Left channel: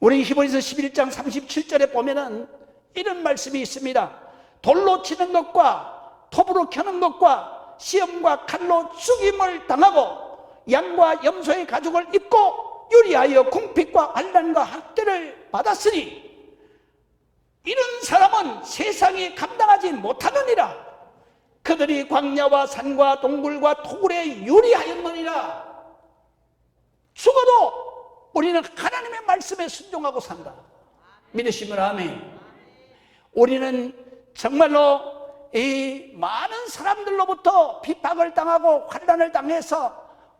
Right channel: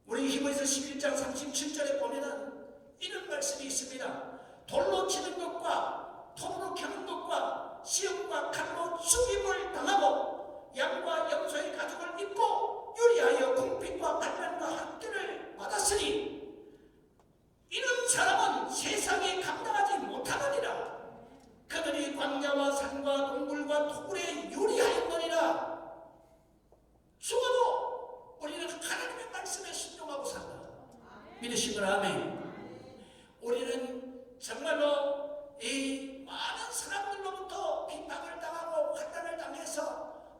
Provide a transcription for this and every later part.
우리 히브리서 11장 37절에 보면은 이런 말씀이 있습니다. 돌로 치는 것과 톱으로 켜는 것과 시험과 칼로 죽임을 당하고 양과 염소의 가죽을 입고 유리하여 궁핍과 환난과 학대를 받았으니 이런 사람은 세상이 감당하지 못하느니라. 그들이 광야와 산과 동굴과 토굴에 유리하였느니라. 죽어도 우리는 하나님의 말씀에 순종하고 산다. 믿으시면 아멘. 우리는 정말로 이 많은 사람들로부터 비박을 당하고 환난을 당해서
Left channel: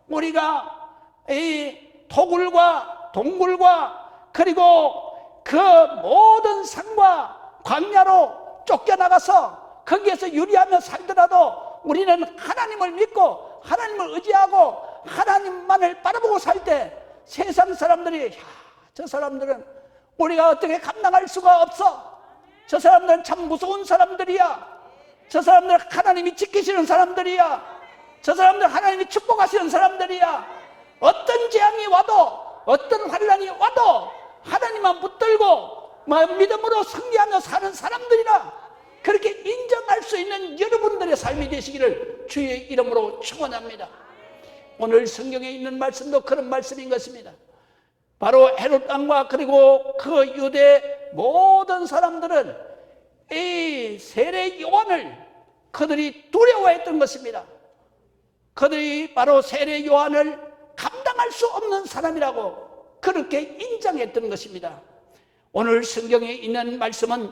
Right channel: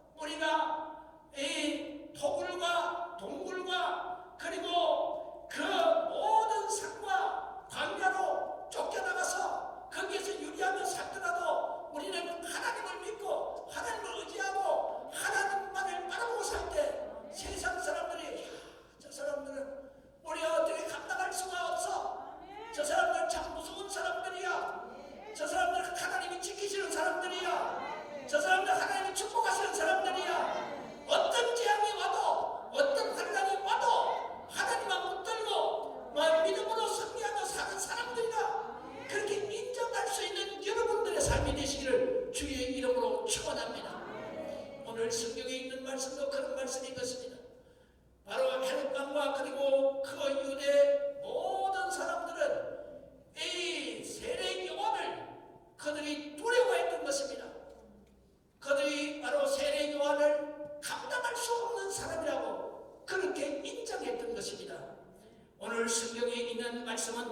우리가 이 토굴과 동굴과 그리고 그 모든 산과 광야로 쫓겨나가서 거기에서 유리하며 살더라도 우리는 하나님을 믿고 하나님을 의지하고 하나님만을 바라보고 살 때 세상 사람들이 저 사람들은 우리가 어떻게 감당할 수가 없어. 저 사람들은 참 무서운 사람들이야. 저 사람들은 하나님이 지키시는 사람들이야. 저 사람들은 하나님이 축복하시는 사람들이야. 어떤 재앙이 와도 어떤 환난이 와도 하나님만 붙들고 믿음으로 승리하며 사는 사람들이라 그렇게 인정할 수 있는 여러분들의 삶이 되시기를 주의 이름으로 축원합니다. 오늘 성경에 있는 말씀도 그런 말씀인 것입니다. 바로 헤롯 왕과 그리고 그 유대 모든 사람들은 이 세례 요한을 그들이 두려워했던 것입니다. 그들이 바로 세례 요한을 감당할 수 없는 사람이라고 그렇게 인정했던 것입니다. 오늘 성경에 있는 말씀은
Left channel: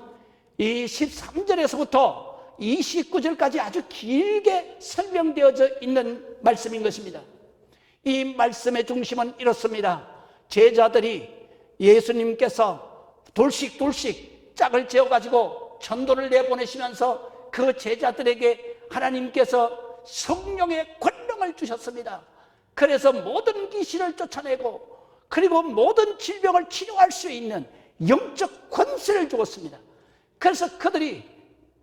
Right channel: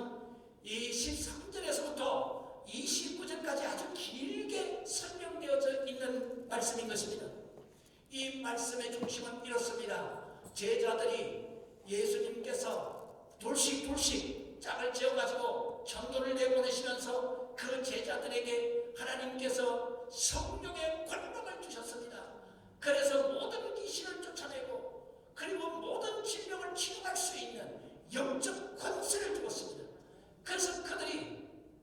이 13절에서부터 29절까지 아주 길게 설명되어져 있는 말씀인 것입니다. 이 말씀의 중심은 이렇습니다. 제자들이 예수님께서 둘씩 짝을 지어가지고 전도를 내보내시면서 그 제자들에게 하나님께서 성령의 권능을 주셨습니다. 그래서 모든 귀신을 쫓아내고 그리고 모든 질병을 치료할 수 있는 영적 권세를 주었습니다. 그래서 그들이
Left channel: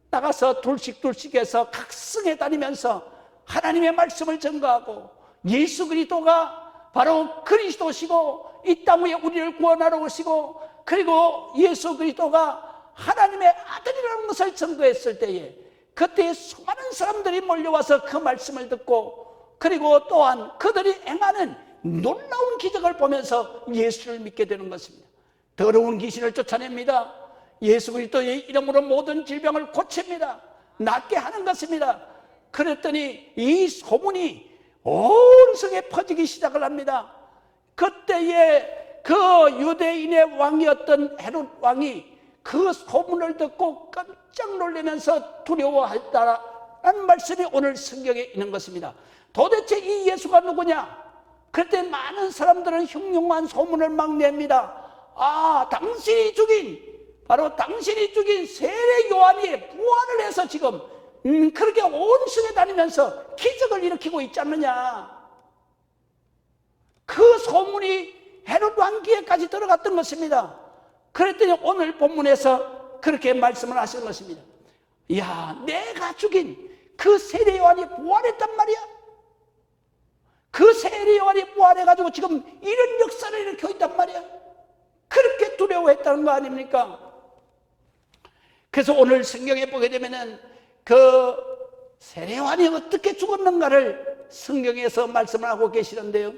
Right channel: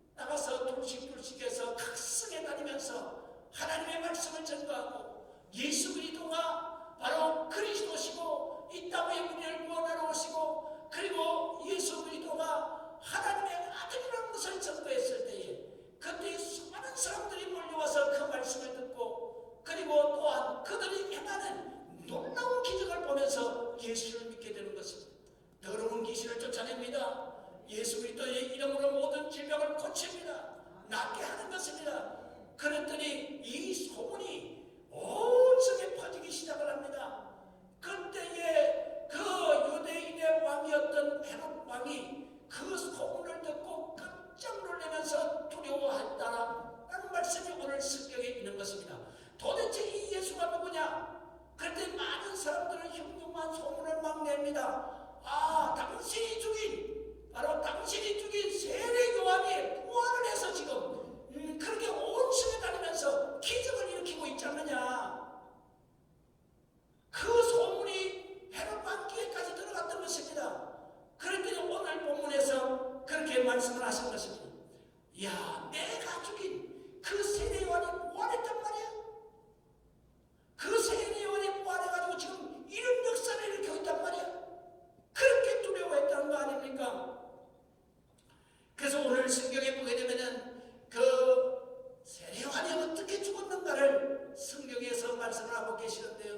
나가서 둘씩 해서 각성에 다니면서 하나님의 말씀을 전가하고 예수 그리스도가 바로 그리스도시고 이 땅 위에 우리를 구원하러 오시고 그리고 예수 그리스도가 하나님의 아들이라는 것을 전거했을 때에 그때 수많은 사람들이 몰려와서 그 말씀을 듣고 그리고 또한 그들이 행하는 놀라운 기적을 보면서 예수를 믿게 되는 것입니다. 더러운 귀신을 쫓아냅니다. 예수 그리스도의 이름으로 모든 질병을 고칩니다. 낫게 하는 것입니다. 그랬더니 이 소문이 온 성에 퍼지기 시작을 합니다. 그때에 그 유대인의 왕이었던 헤롯 왕이 그 소문을 듣고 깜짝 놀라면서 두려워했다라는 말씀이 오늘 성경에 있는 것입니다. 도대체 이 예수가 누구냐? 그때 많은 사람들은 흉흉한 소문을 막 냅니다. 당신이 죽인 세례 요한이 부활을 해서 지금 그렇게 온 성에 다니면서 기적을 일으키고 있지 않느냐. 그 소문이 헤롯 왕 귀에까지 들어갔던 것입니다. 그랬더니 오늘 본문에서 그렇게 말씀을 하시는 것입니다. 내가 죽인 그 세례 요한이 부활했단 말이야. 그 세례 요한이 부활해가지고 지금 이런 역사를 일으키고 있단 말이야. 그렇게 두려워했다는 거 아닙니까? 그래서 오늘 성경에 보게 되면은 그 세례 요한이 어떻게 죽었는가를 성경에서 말씀을 하고 계시는데요.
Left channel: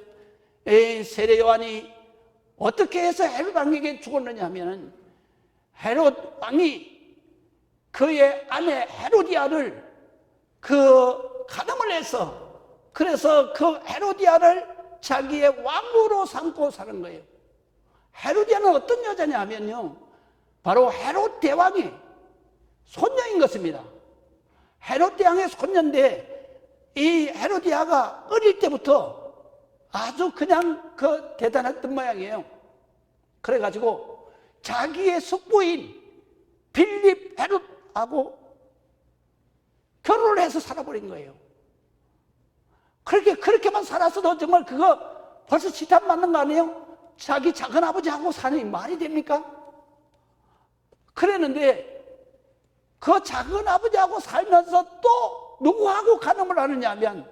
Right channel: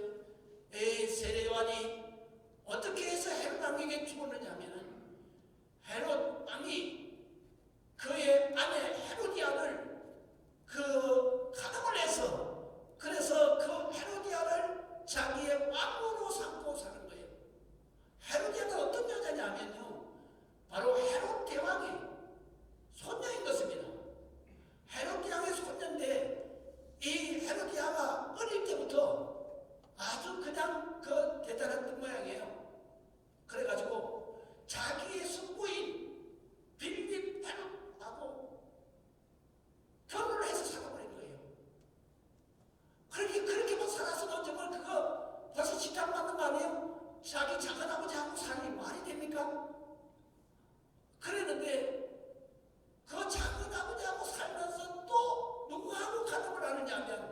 세례 요한이 어떻게 해서 헤롯 왕에게 죽었느냐 하면 헤롯 왕이 그의 아내 헤로디아를 가늠을 해서 그래서 그 헤로디아를 자기의 왕으로 삼고 사는 거예요. 헤로디아는 어떤 여자냐 하면요, 바로 헤롯 대왕의 손녀인 것입니다. 헤롯 대왕의 손녀인데 이 헤로디아가 어릴 때부터 아주 그냥 대단했던 모양이에요. 그래가지고 자기의 숙부인 빌립 헤롯하고 결혼을 해서 살아버린 거예요. 그렇게만 살았어도 정말 그거 벌써 지탄 맞는 거 아니에요? 자기 작은 아버지하고 사는 말이 됩니까? 그랬는데 그 작은 아버지하고 살면서 또 누구하고 간음을 하느냐 하면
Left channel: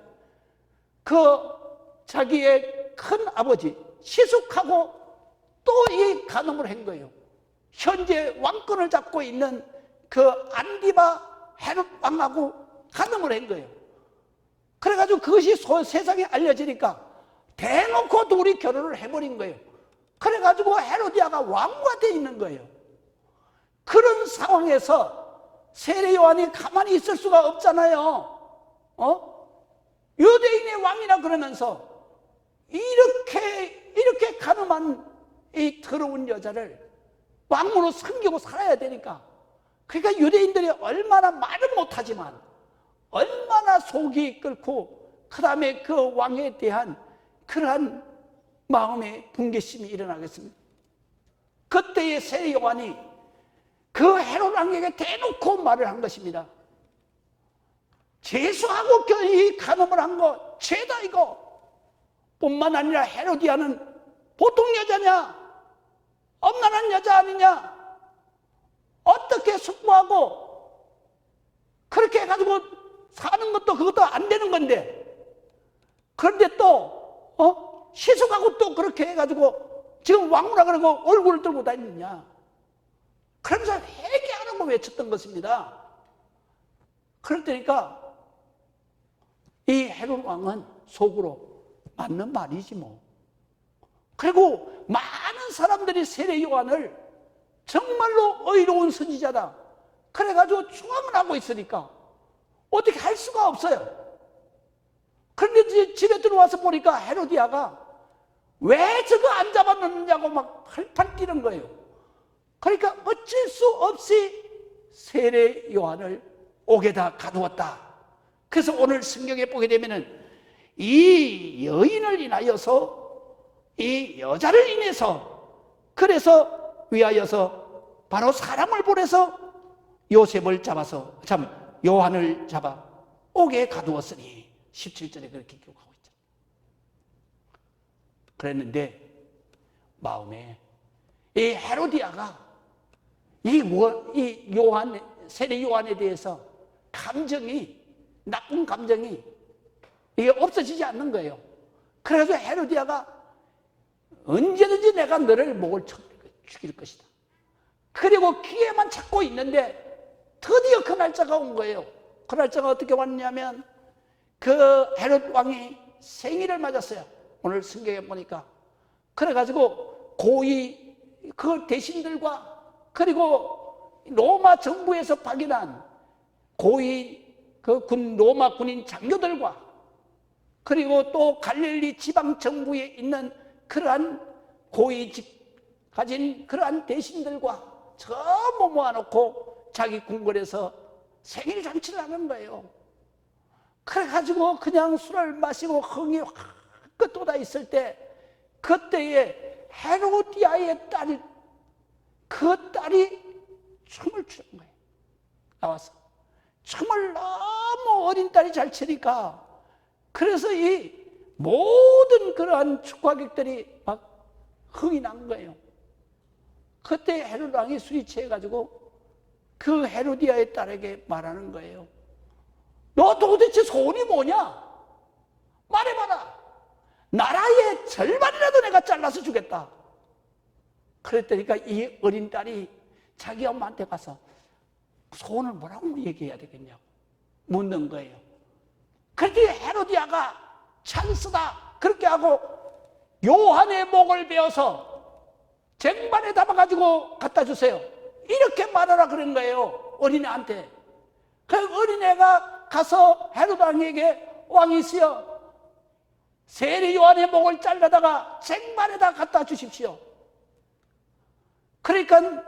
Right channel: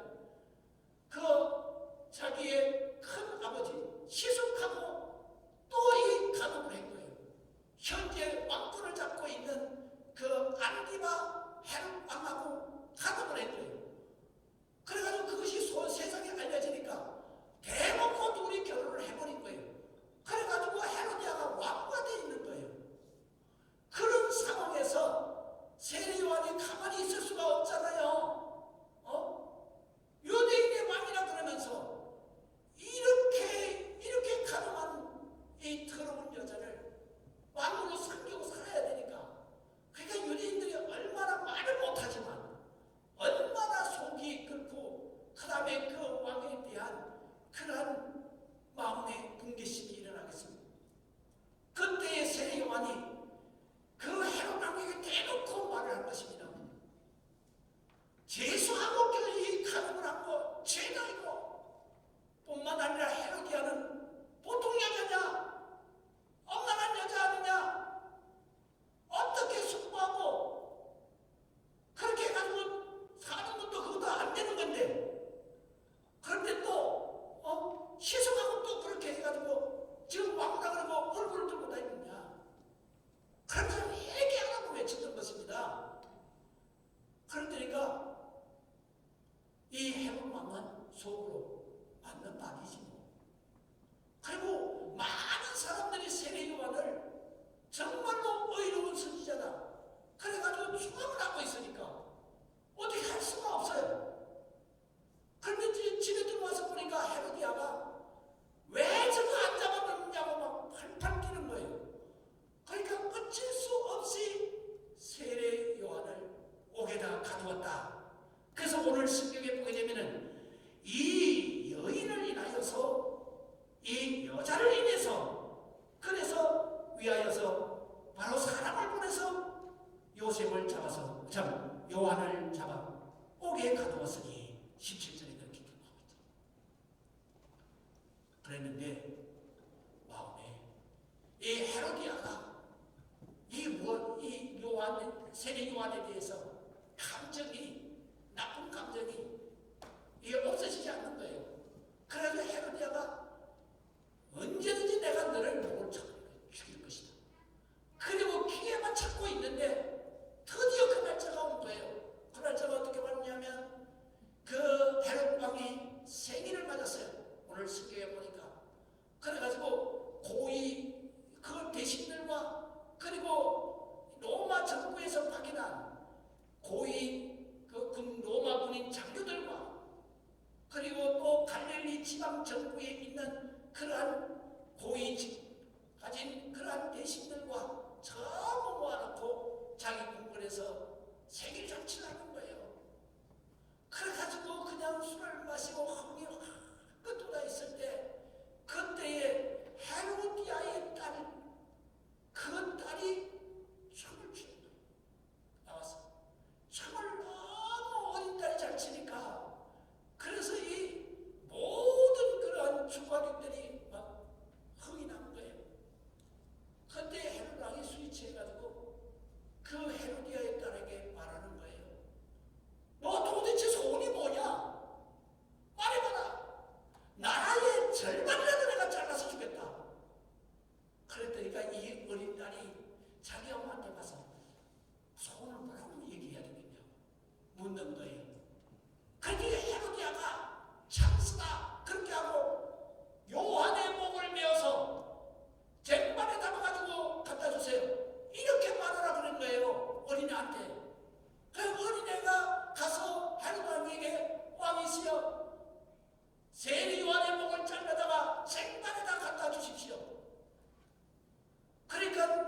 자기의 큰 아버지 시숙하고 또 이 거의 간음을 한 거예요. 현재 왕권을 잡고 있는 그 안디바 헤롯 왕하고 간음을 한 거예요. 그래가지고 그것이 세상에 알려지니까 대놓고 둘이 결혼을 해버린 거예요. 그래가지고 헤로디아가 왕후가 되어 있는 거예요. 그런 상황에서 세례 요한이 가만히 있을 수가 없잖아요. 유대인의 왕이라 그러면서 이렇게 가늠한 이 더러운 여자를 왕으로 섬기고 살아야 되니까, 그러니까 유대인들이 얼마나 말은 못하지만 얼마나 속이 끓고 그 다음에 그 왕에 대한 그러한 마음의 분개심이 일어나겠습니다. 그때의 세례 요한이 그 헤롯 왕에게 대놓고 말을 한 것입니다. 죄수하고 이 간음을 한 거 죄다 이거. 뿐만 아니라 헤로디아는 보통 여자냐? 엄란한 여자 아니냐? 어떻게 숙부하고 그렇게 해가지고 사는 것도 그것도 안 되는 건데, 그런데 또 시숙하고 또 그렇게 해가지고 지금 왕후라 그러고 얼굴을 들고 다니느냐? 그러면서 회개하라고 외쳤던 것입니다. 그러니까 이 헤롯 왕은 속으로 맞는 말이지 뭐. 그리고 많은 사람들이 세례 요한을 정말로 의로운 선지자다 그래가지고 추앙을 하고 있으니까 어떻게 할 수가 없어요. 그런데 집에 들어와서 보니까 헤로디아가 왜 저거 안 잡아놓느냐고 막 팔팔 뛰는 거예요. 그러니까 어쩔 수 없이 세례 요한을 옥에다 가두었다. 그래서 오늘 성경에 보게 되면은 이 여인을 인하여서, 이 여자를 인해서, 그래서 위하여서 바로 사람을 보내서 요셉을 잡아서, 요한을 잡아 옥에 가두었으니 17절에 그렇게 기록하고 있죠. 그랬는데 마음에 이 헤로디아가 이 요한, 세례 요한에 대해서 나쁜 감정이 이게 없어지지 않는 거예요. 그래서 헤로디아가 언제든지 내가 너를 목을 쳐 죽일 것이다. 그리고 기회만 찾고 있는데 드디어 그 날짜가 온 거예요. 그 날짜가 어떻게 왔냐면 그 헤롯 왕이 생일을 맞았어요. 오늘 성경에 보니까. 그래가지고 고위 그 대신들과 그리고 로마 정부에서 파견한 고위 그 로마 군인 장교들과 그리고 또 갈릴리 지방 정부에 있는 그러한 고위직 가진 그러한 대신들과 전부 모아놓고 자기 궁궐에서 생일 잔치를 하는 거예요. 그래가지고 그냥 술을 마시고 흥이 확 돋아 있을 때 그때에 헤로디아의 그 딸이 춤을 추는 거예요. 나와서 춤을 너무 어린 딸이 잘 추니까, 그래서 이 모든 그러한 축하객들이 막 흥이 난 거예요. 그때 헤롯 왕이 술이 취해가지고 그 헤로디아의 딸에게 말하는 거예요. 너 도대체 소원이 뭐냐? 말해봐라. 나라의 절반이라도 내가 잘라서 주겠다. 그랬더니까 이 어린 딸이 자기 엄마한테 가서 소원을 뭐라고 얘기해야 되겠냐고 묻는 거예요. 그랬더니 헤로디아가 찬스다 그렇게 하고 요한의 목을 베어서 쟁반에 담아가지고 갖다 주세요. 이렇게 말하라 그런 거예요. 어린애한테. 그 어린애가 가서 헤롯 왕에게 왕이시여 세례 요한의 목을 잘라다가 쟁반에다 갖다 주십시오. 그러니까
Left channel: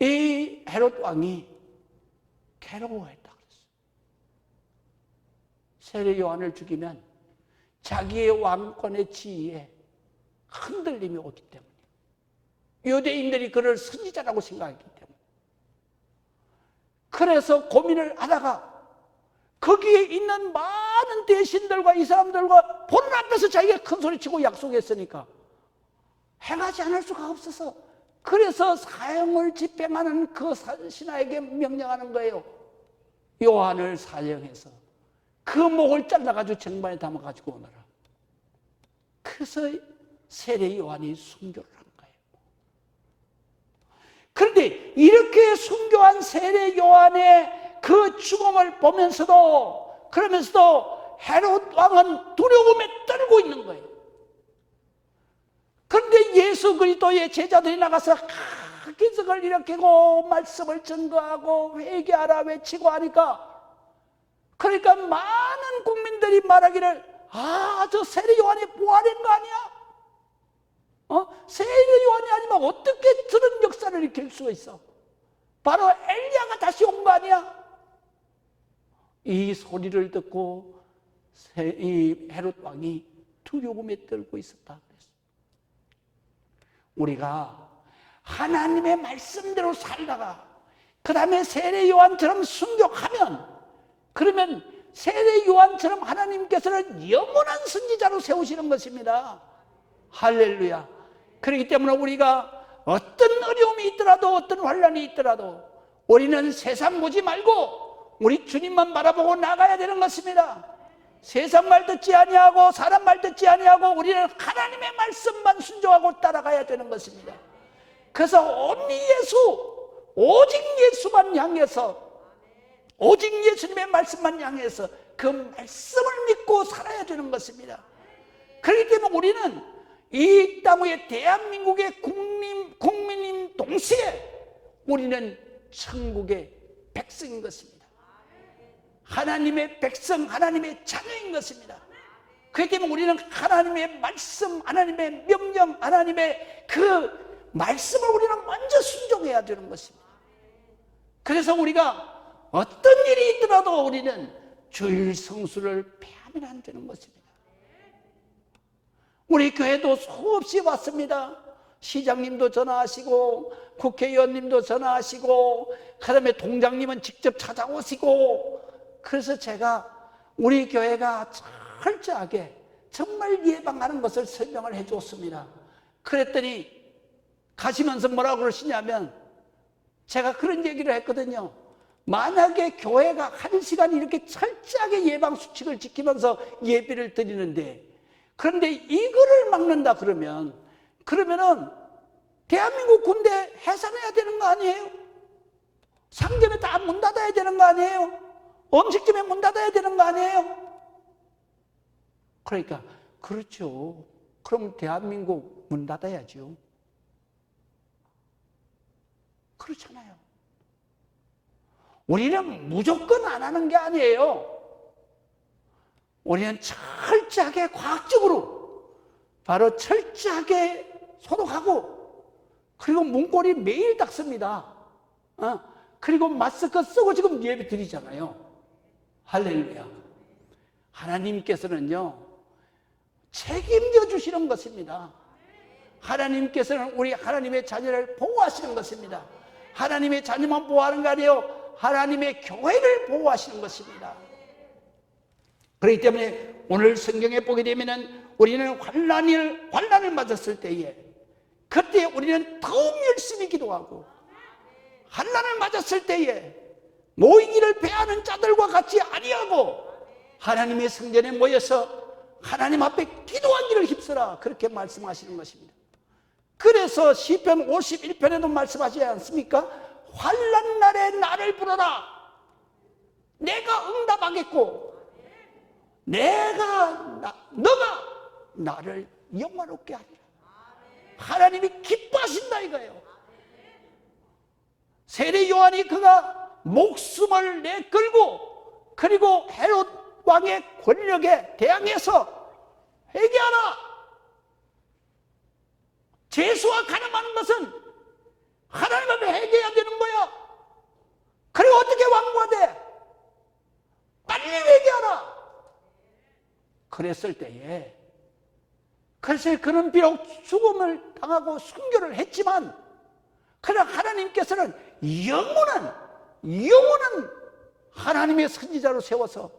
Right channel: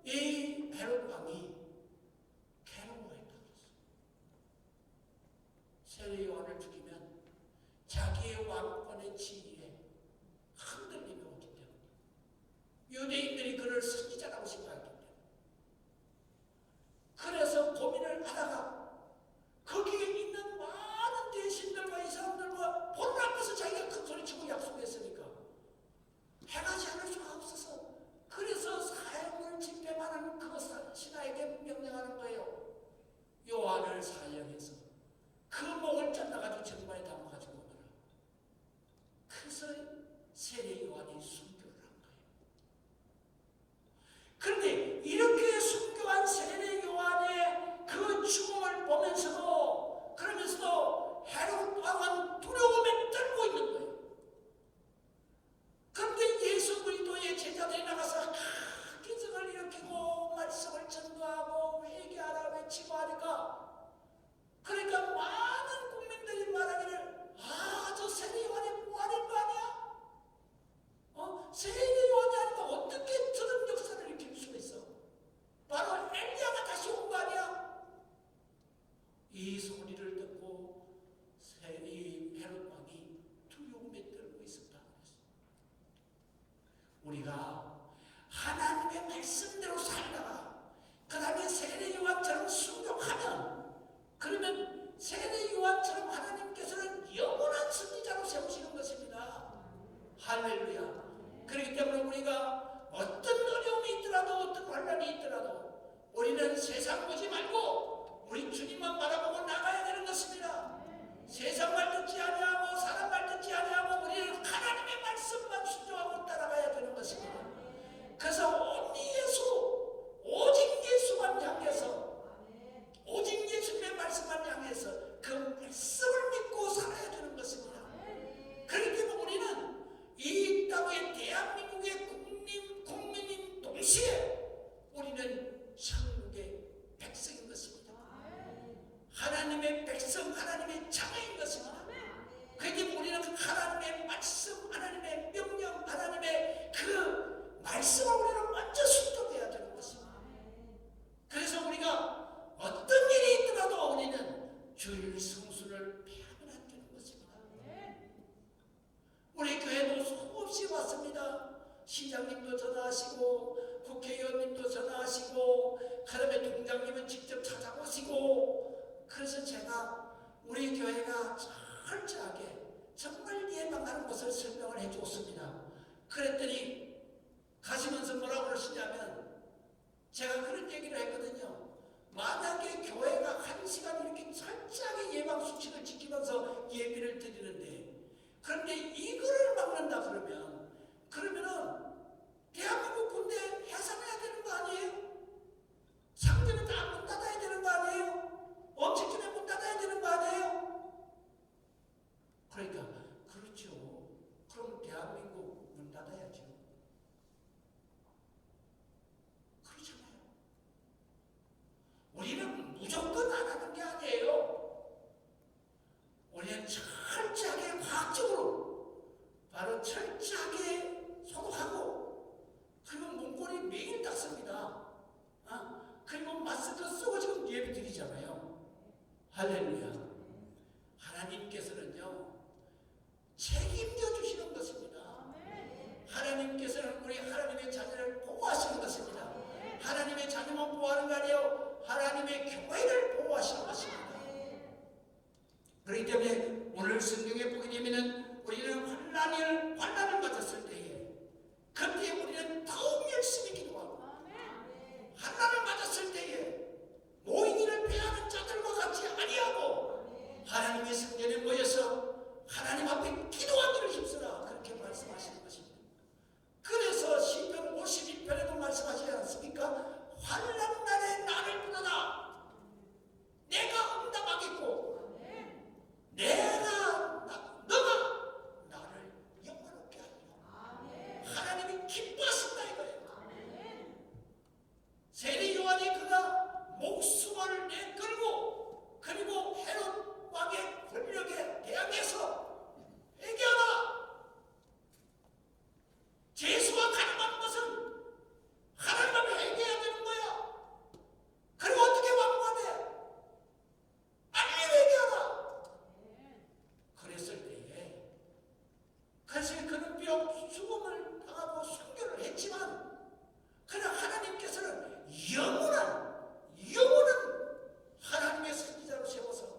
이 헤롯 왕이 괴로워했다 그랬어요. 세례 요한을 죽이면 자기의 왕권의 지위에 흔들림이 오기 때문에, 유대인들이 그를 선지자라고 생각했기 때문에, 그래서 고민을 하다가 거기에 있는 많은 대신들과 이 사람들과 보는 앞에서 자기가 큰 소리치고 약속했으니까 행하지 않을 수가 없어서, 그래서 사형을 집행하는 그 신하에게 명령하는 거예요. 요한을 사형해서 그 목을 잘라가지고 쟁반에 담아가지고 오너라. 그래서 세례 요한이 순교를 한 거예요. 이렇게 순교한 세례 요한의 그 죽음을 보면서도, 그러면서도 헤롯 왕은 두려움에 떨고 있는 거예요. 그런데 예수 그리스도의 제자들이 나가서 기적을 일으키고 말씀을 증거하고 회개하라 외치고 하니까, 그러니까 많은 국민들이 말하기를, 저 세례 요한이 부활인 거 아니야? 세례 요한이 아니면 어떻게 저런 역사를 일으킬 수가 있어? 바로 엘리야가 다시 온 거 아니야? 이 소리를 듣고 이 헤롯 왕이 두려움에 떨고 있었다. 우리가 하나님의 말씀대로 살다가 그 다음에 세례 요한처럼 순교하면, 그러면 세례 요한처럼 하나님께서는 영원한 선지자로 세우시는 것입니다. 할렐루야. 그렇기 때문에 우리가 어떤 어려움이 있더라도, 어떤 환난이 있더라도 우리는 세상 보지 말고 우리 주님만 바라보고 나가야 되는 것입니다. 세상 말 듣지 아니하고 사람 말 듣지 아니하고 우리는 하나님의 말씀만 순종하고 따라가야 되는 것입니다. 그래서 온리 예수, 오직 예수만 향해서, 오직 예수님의 말씀만 향해서 그 말씀을 믿고 살아야 되는 것입니다. 그렇기 때문에 우리는 이 땅 위에 대한민국의 국민인 동시에 우리는 천국의 백성인 것입니다. 하나님의 백성, 하나님의 자녀인 것입니다. 그렇기 때문에 우리는 하나님의 말씀, 하나님의 명령, 하나님의 그 말씀을 우리는 먼저 순종해야 되는 것입니다. 그래서 우리가 어떤 일이 있더라도 우리는 주일 성수를 폐하면 안 되는 것입니다. 우리 교회도 수없이 왔습니다. 시장님도 전화하시고 국회의원님도 전화하시고 그 다음에 동장님은 직접 찾아오시고, 그래서 제가 우리 교회가 철저하게 정말 예방하는 것을 설명을 해줬습니다. 그랬더니 가시면서 뭐라고 그러시냐면, 제가 그런 얘기를 했거든요. 만약에 교회가 1시간 이렇게 철저하게 예방수칙을 지키면서 예배를 드리는데, 그런데 이거를 막는다 그러면은 대한민국 군대 해산해야 되는 거 아니에요? 상점에 다 문 닫아야 되는 거 아니에요? 음식점에 문 닫아야 되는 거 아니에요? 그러니까 그렇죠. 그럼 대한민국 문 닫아야죠. 그렇잖아요. 우리는 무조건 안 하는 게 아니에요. 우리는 철저하게 과학적으로 바로 철저하게 소독하고, 그리고 문고리 매일 닦습니다. 그리고 마스크 쓰고 지금 예배 드리잖아요. 할렐루야. 하나님께서는요 책임져 주시는 것입니다. 하나님께서는 우리 하나님의 자녀를 보호하시는 것입니다. 하나님의 자녀만 보호하는 게 아니에요. 하나님의 교회를 보호하시는 것입니다. 그렇기 때문에 오늘 성경에 보게 되면은 우리는 환난을 맞았을 때에, 그때 우리는 더욱 열심히 기도하고, 환난을 맞았을 때에 모이기를 배하는 자들과 같이 아니하고 하나님의 성전에 모여서 하나님 앞에 기도한 일을 힘쓰라, 그렇게 말씀하시는 것입니다. 그래서 시편 51편에도 말씀하시지 않습니까? 환난 날에 나를 부르라, 내가 응답하겠고 너가 나를 영화롭게 하리라. 하나님이 기뻐하신다 이거예요. 세례 요한이 그가 목숨을 내걸고, 그리고 헤롯 왕의 권력에 대항해서 회개하라, 죄수와 가늠하는 것은 하나님 앞에 회개해야 되는 거야. 그리고 어떻게 왕부가 돼? 빨리 회개하라. 그랬을 때에, 그래서 그는 비록 죽음을 당하고 순교를 했지만, 그러나 하나님께서는 영원한 하나님의 선지자로 세워서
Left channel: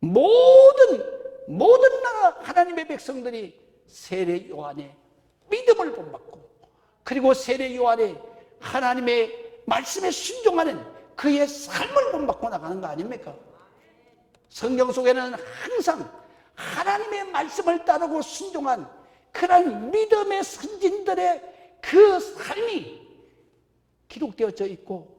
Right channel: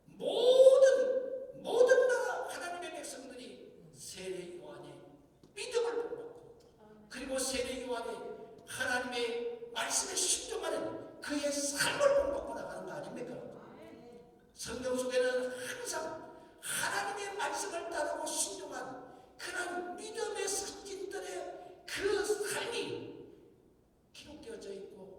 모든 나라 하나님의 백성들이 세례 요한의 믿음을 본받고, 그리고 세례 요한의 하나님의 말씀에 순종하는 그의 삶을 본받고 나가는 거 아닙니까? 성경 속에는 항상 하나님의 말씀을 따르고 순종한 그런 믿음의 선진들의 그 삶이 기록되어져 있고,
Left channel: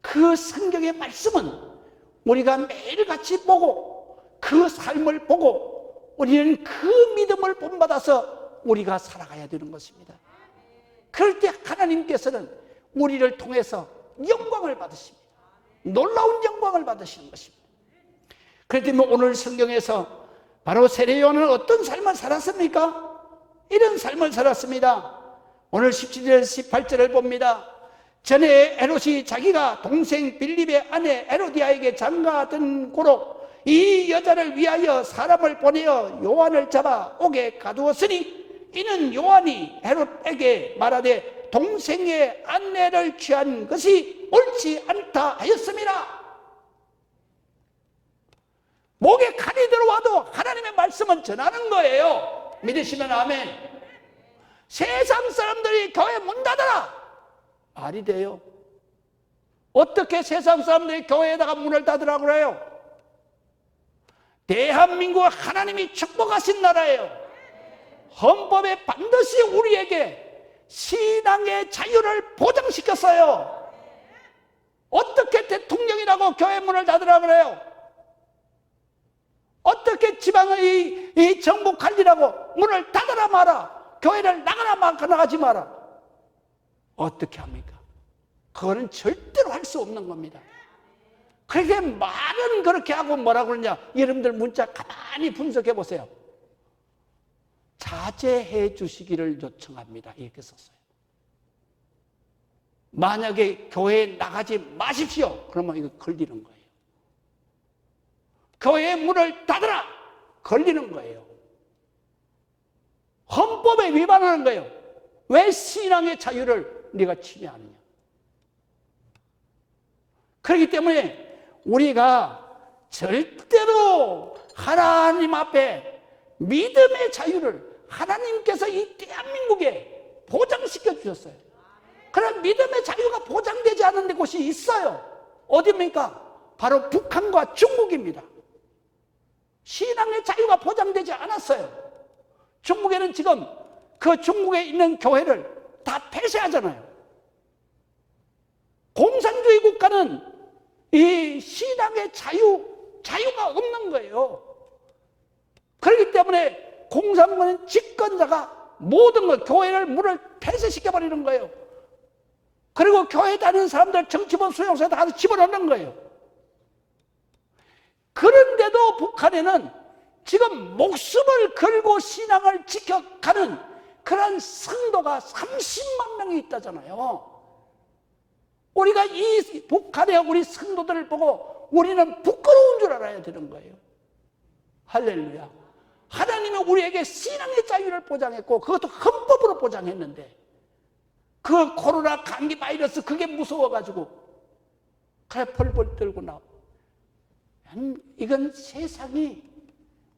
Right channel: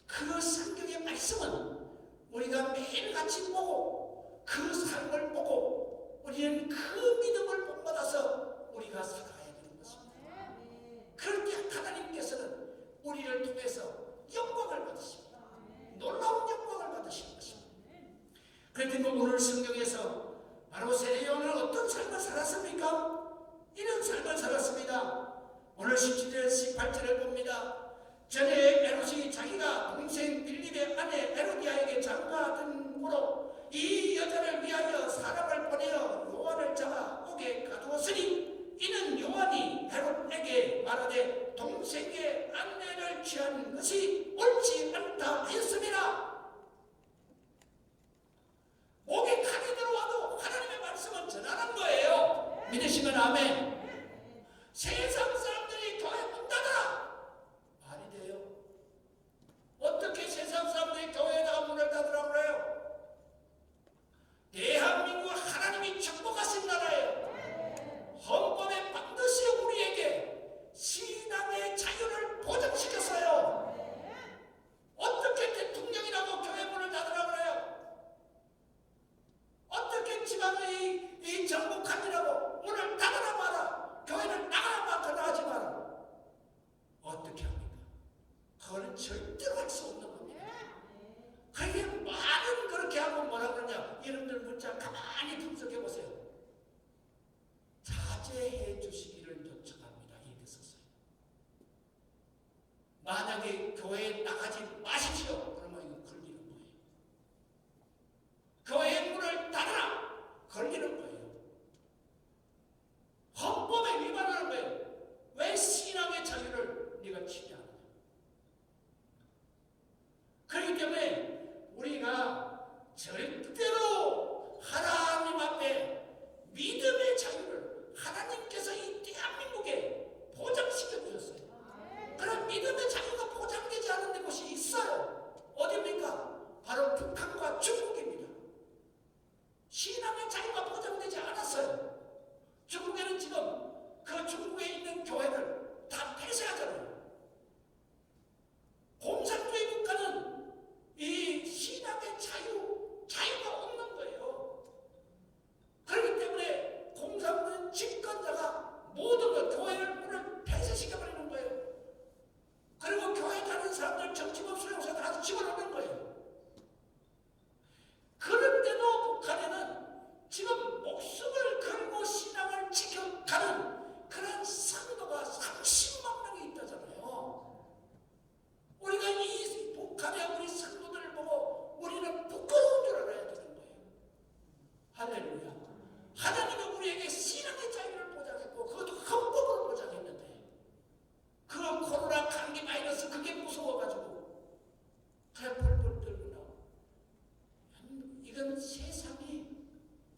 그 성경의 말씀은 우리가 매일같이 보고 그 삶을 보고 우리는 그 믿음을 본받아서 우리가 살아가야 되는 것입니다. 그럴 때 하나님께서는 우리를 통해서 영광을 받으십니다. 놀라운 영광을 받으시는 것입니다. 그렇기 때문에 오늘 성경에서 바로 세례 요한은 어떤 삶을 살았습니까? 이런 삶을 살았습니다. 오늘 17절 18절을 봅니다. 전에 헤롯이 자기가 동생 빌립의 아내 헤로디아에게 장가든 고로 이 여자를 위하여 사람을 보내어 요한을 잡아 옥에 가두었으니, 이는 요한이 헤롯에게 말하되 동생의 아내를 취한 것이 옳지 않다 하였습니다. 목에 칼이 들어와도 하나님의 말씀은 전하는 거예요. 믿으시면 아멘. 세상 사람들이 교회 문 닫아라, 말이 돼요? 어떻게 세상 사람들이 교회에다가 문을 닫으라고 그래요? 대한민국 하나님이 축복하신 나라예요. 헌법에 반드시 우리에게 신앙의 자유를 보장시켰어요. 어떻게 대통령이라고 교회 문을 닫으라고 그래요? 어떻게 지방의 이 정부 관리라고 문을 닫아라 마라, 교회를 나가지 마라, 어떻게 합니까? 그거는 절대로 할 수 없는 겁니다. 그렇게 말은 그렇게 하고 뭐라고 그러냐, 여러분들 문자 가만히 분석해 보세요. 자제해 주시기를 요청합니다, 이렇게 썼어요. 만약에 교회에 나가지 마십시오, 그러면 이거 걸리는 거예요. 교회 문을 닫으라, 걸리는 거예요. 헌법에 위반하는 거예요. 왜 신앙의 자유를 네가 침해하느냐. 그렇기 때문에 우리가 절대로 하나님 앞에 믿음의 자유를 하나님께서 이 대한민국에 보장시켜 주셨어요. 그런 믿음의 자유가 보장되지 않은 곳이 있어요. 어디입니까? 바로 북한과 중국입니다. 신앙의 자유가 보장되지 않았어요. 중국에는 지금 그 중국에 있는 교회를 다 폐쇄하잖아요. 공산주의 국가는 이 신앙의 자유가 없는 거예요. 그렇기 때문에 공산군은 집권자가 모든 걸, 교회를 문을 폐쇄시켜버리는 거예요. 그리고 교회 다니는 사람들 정치범 수용소에 가서 집어넣는 거예요. 그런데도 북한에는 지금 목숨을 걸고 신앙을 지켜가는 그런 성도가 30만 명이 있다잖아요. 우리가 이 북한의 우리 성도들을 보고 우리는 부끄러운 줄 알아야 되는 거예요. 할렐루야. 하나님은 우리에게 신앙의 자유를 보장했고, 그것도 헌법으로 보장했는데, 그 코로나 감기 바이러스 그게 무서워가지고 그래 벌벌 떨고 나오고, 이건 세상이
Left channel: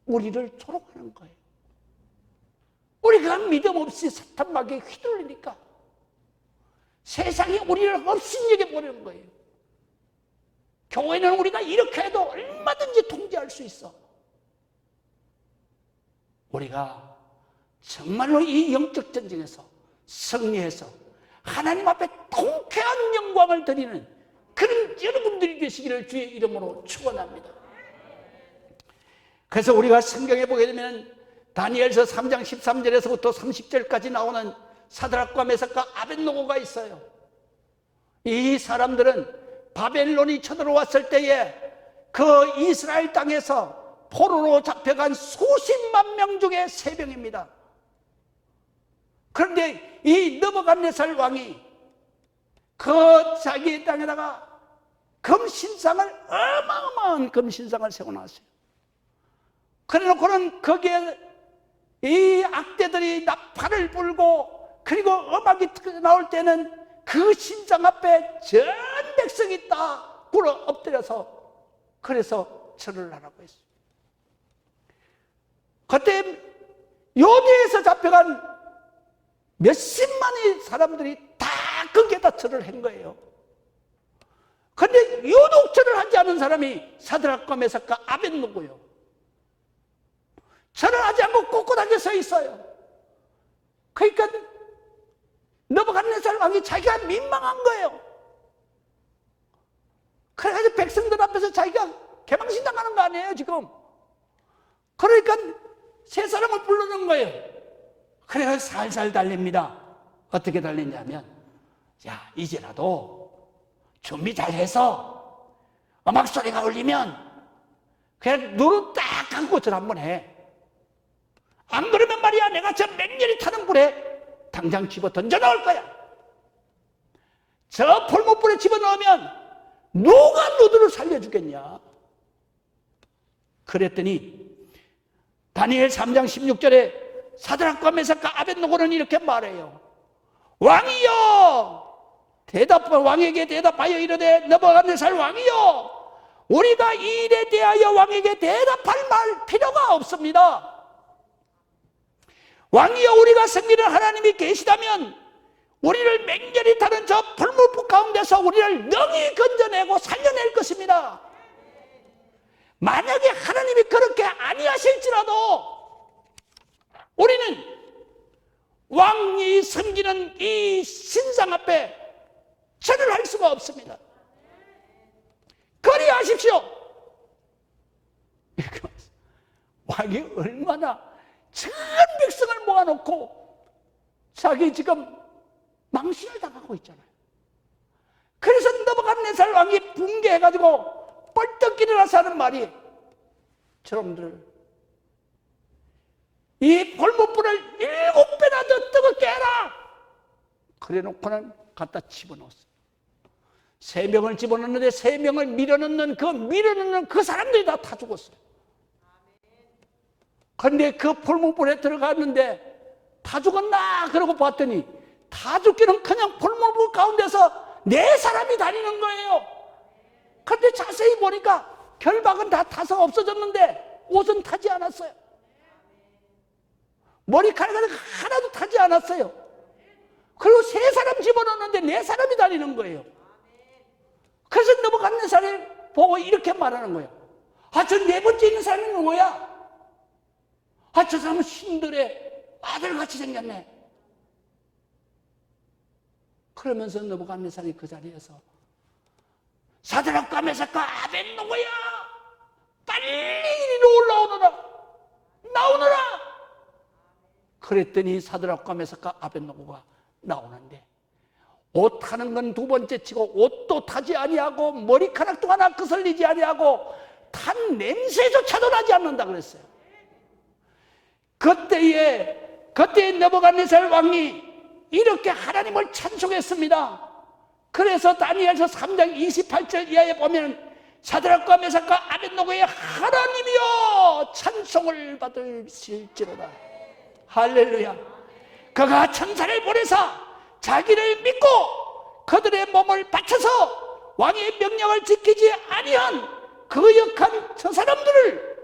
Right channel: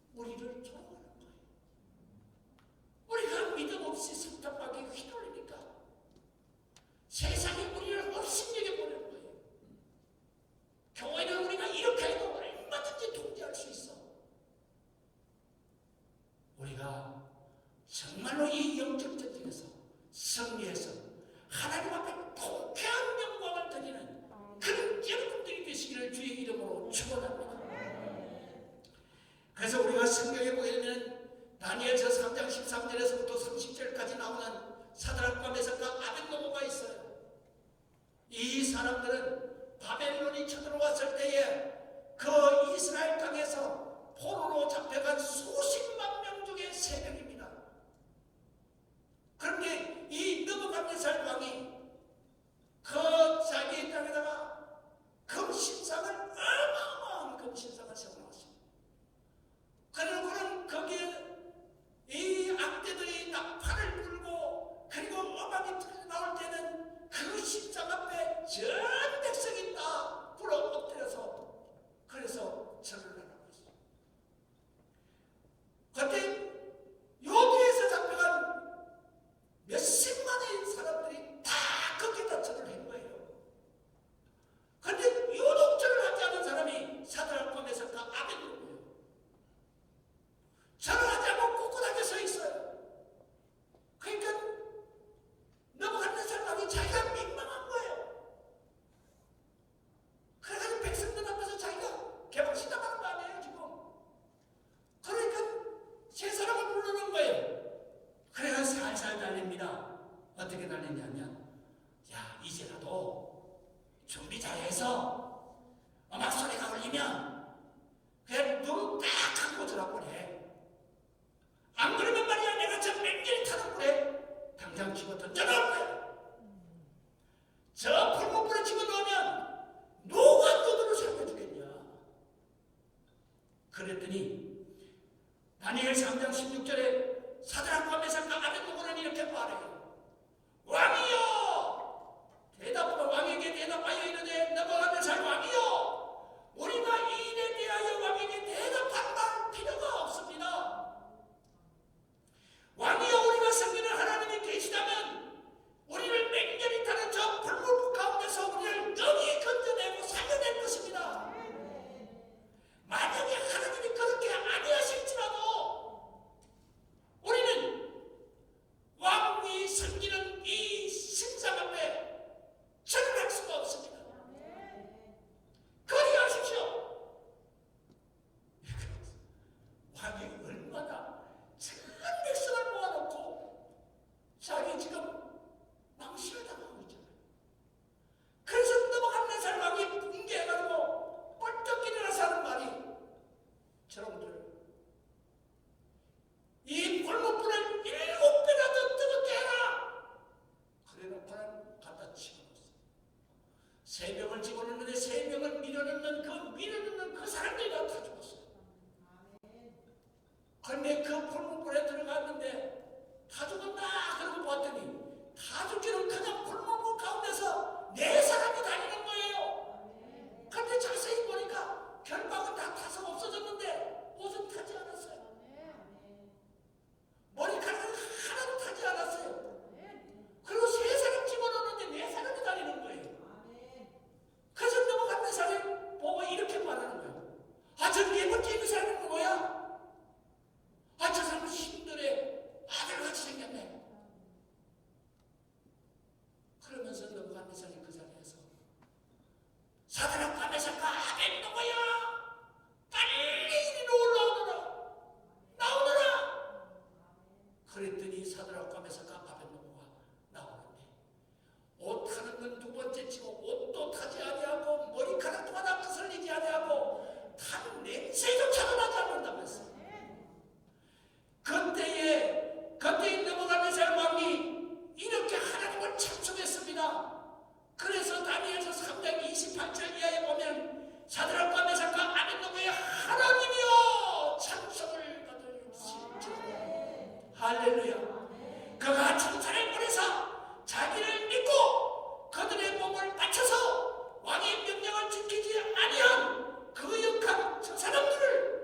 우리를 조롱하는 거예요. 우리가 믿음 없이 사탄마귀에 휘둘리니까 세상이 우리를 없인 여겨버리는 거예요. 교회는 우리가 이렇게 해도 얼마든지 통제할 수 있어. 우리가 정말로 이 영적 전쟁에서 승리해서 하나님 앞에 통쾌한 영광을 드리는 그런 여러분들이 되시기를 주의 이름으로 축원합니다. 그래서 우리가 성경에 보게 되면 다니엘서 3장 13절에서부터 30절까지 나오는 사드락과 메삭과 아벳노고가 있어요. 이 사람들은 바벨론이 쳐들어왔을 때에 그 이스라엘 땅에서 포로로 잡혀간 수십만 명 중에 3명입니다. 그런데 이 느부갓네살 왕이 그 자기 땅에다가 금신상을, 어마어마한 금신상을 세워놨어요. 그래놓고는 거기에 이 악대들이 나팔을 불고, 그리고 음악이 나올 때는 그 신상 앞에 전 백성이 다 굴어 엎드려서 그래서 절을 하라고 했어요. 그때 요대에서 잡혀간 몇십만의 사람들이 다 거기에다 절을 한 거예요. 그런데 유독 절을 하지 않은 사람이 사드락과 메삭과 아벳노고요. 절을 하지 않고 꼿꼿하게 서 있어요. 그러니까 느부갓네살 왕이 자기가 민망한 거예요. 자기가 개망신당하는 거 아니에요 지금. 그러니까 세 사람을 부르는 거예요. 그래서 살살 달립니다. 어떻게 달리냐면, 야 이제라도 준비 잘해서 음악 소리가 울리면 그냥 눈을 딱 감고 전 한번 해. 안 그러면 말이야 내가 저 맹렬히 타는 불에 당장 집어 던져 넣을 거야. 저 풀무불에 집어넣으면 누가 너들을 살려주겠냐. 그랬더니 다니엘 3장 16절에 사드락과 메삭과 아벳노고는 이렇게 말해요. 왕이여 왕에게 대답하여 이르되 느부갓네살 왕이여 우리가 이 일에 대하여 왕에게 대답할 말 필요가 없습니다. 왕이여 우리가 섬기는 하나님이 계시다면 우리를 맹렬히 타는 저 불물불 가운데서 우리를 능히 건져내고 살려낼 것입니다. 만약에 하나님이 그렇게 아니하실지라도 우리는 왕이 섬기는 이 신상 앞에 절을 할 수가 없습니다. 그리하십시오. 왕이 얼마나 전 백성을 모아놓고 자기 지금 망신을 당하고 있잖아요. 그래서 느부갓네살 왕이 붕괴해가지고 벌떡 일어나서 하는 말이, 저놈들 이 벌목불을 7배나 더 뜨겁게 해라. 그래 놓고는 갖다 집어넣었어요. 3명을 집어넣는데 3명을 밀어넣는 그 사람들이 다 죽었어요. 그런데 그 풀무불에 들어갔는데 다 죽었나? 그러고 봤더니 다 죽기는 그냥 풀무불 가운데서 4사람이 다니는 거예요. 그런데 자세히 보니까 결박은 다 타서 없어졌는데 옷은 타지 않았어요. 머리카락은 하나도 타지 않았어요. 그리고 3사람 집어넣었는데 4사람이 다니는 거예요. 그래서 느부갓네살이 보고 이렇게 말하는 거예요. 아, 저 4번째 있는 사람이 누구야? 아, 저 사람은 신들의 아들같이 생겼네. 그러면서 느부갓네살이 그 자리에서 사드락과 메삭과 아벳노고야 빨리 올라오너라, 나오너라. 그랬더니 사드락과 메삭과 아벳노고가 나오는데 옷 타는 건 2번째 치고 옷도 타지 아니하고 머리카락도 하나 거슬리지 아니하고 탄 냄새조차도 나지 않는다 그랬어요. 그때에 느부갓네살 왕이 이렇게 하나님을 찬송했습니다. 그래서 다니엘서 3장 28절 이하에 보면 사드락과 메삭과 아벳노고의 하나님이여 찬송을 받으실지로다. 할렐루야. 그가 천사를 보내사 자기를 믿고 그들의 몸을 바쳐서 왕의 명령을 지키지 아니한 그 역한 저 사람들을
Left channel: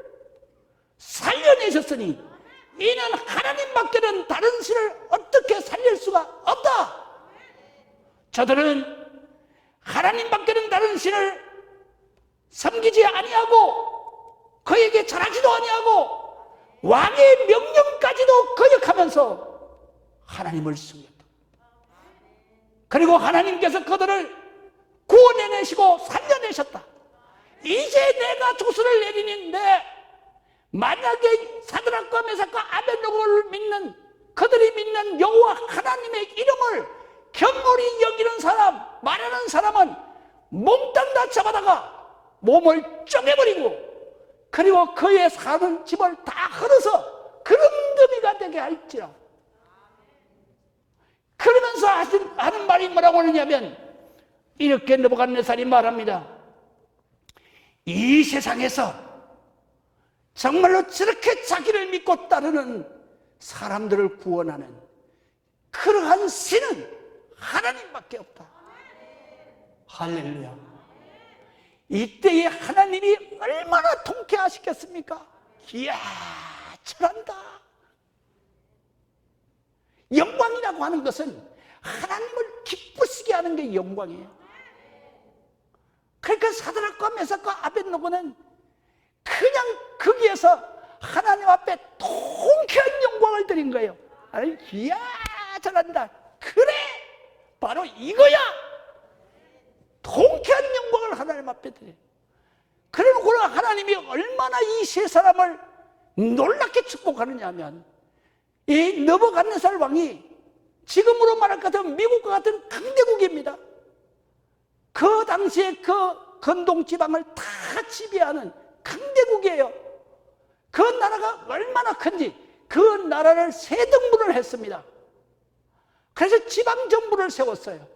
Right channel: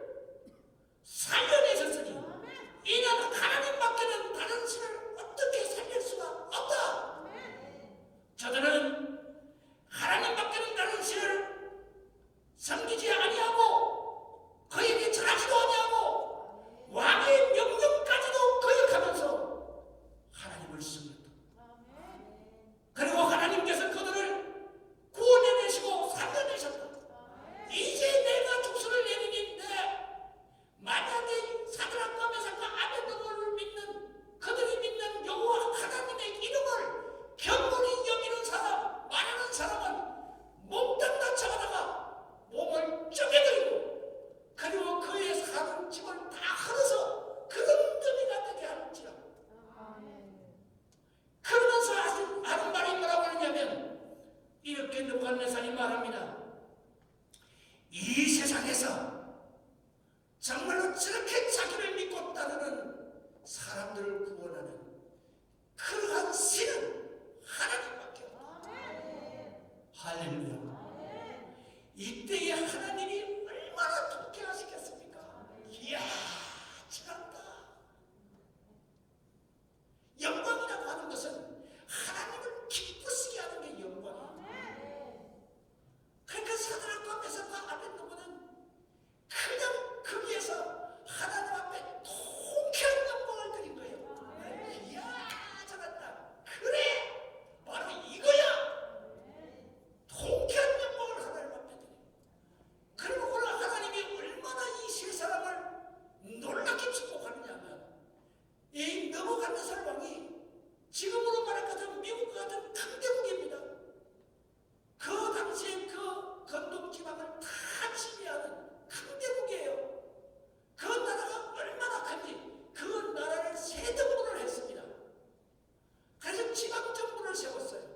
살려내셨으니 이는 하나님밖에는 다른 신을 어떻게 살릴 수가 없다. 저들은 하나님밖에는 다른 신을 섬기지 아니하고 그에게 절하지도 아니하고 왕의 명령까지도 거역하면서 하나님을 숨겼다. 그리고 하나님께서 그들을 구원해내시고 살려내셨다. 이제 내가 조수를 내리는데 만약에 사드락과 메삭과 아벳노고를 믿는, 그들이 믿는 여호와 하나님의 이름을 경홀히 여기는 사람, 말하는 사람은 몽땅 다 잡아다가 몸을 쪼개버리고 그리고 그의 사는 집을 다 헐어서 그릉더미가 되게 할지라. 그러면서 하는 말이 뭐라고 하느냐면 이렇게 느부갓네살이 말합니다. 이 세상에서 정말로 저렇게 자기를 믿고 따르는 사람들을 구원하는 그러한 신은 하나님밖에 없다. 할렐루야. 이때에 하나님이 얼마나 통쾌하시겠습니까? 이야, 잘한다. 영광이라고 하는 것은 하나님을 기쁘시게 하는 게 영광이에요. 그러니까 사드락과 메삭과 아벳노고는 그냥 거기에서 하나님 앞에 통쾌한 영광을 드린 거예요. 아니, 이야, 잘한다. 그래, 바로 이거야. 통쾌한 영광을 하나님 앞에 드려요. 하나님이 얼마나 이 세 사람을 놀랍게 축복하느냐 하면, 이 느부갓네살 왕이 지금으로 말할 것 같으면 미국과 같은 강대국입니다. 그 당시에 그 건동 지방을 다 지배하는 강대국이에요. 그 나라가 얼마나 큰지 그 나라를 세 등분을 했습니다. 그래서 지방정부를 세웠어요.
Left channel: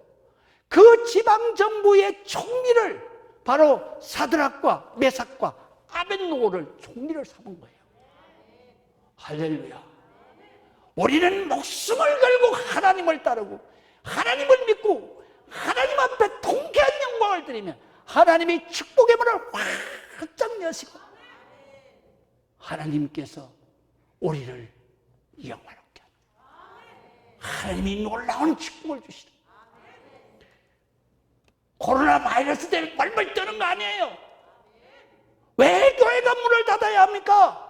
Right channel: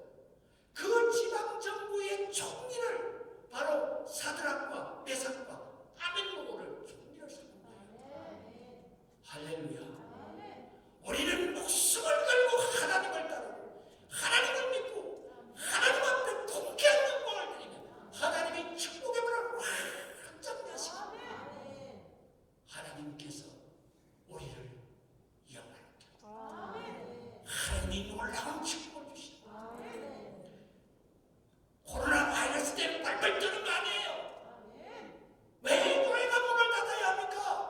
그 지방정부의 총리를 바로 사드락과 메삭과 아벳노고를 총리를 삼은 거예요. 할렐루야. 우리는 목숨을 걸고 하나님을 따르고 하나님을 믿고 하나님 앞에 통쾌한 영광을 드리면 하나님이 축복의 문을 활짝 여시고 하나님께서 우리를 영화롭게 하는, 하나님이 놀라운 축복을 주시고, 코로나 바이러스 때문에 벌벌 떠는 거 아니에요. 왜 교회가 문을 닫아야 합니까?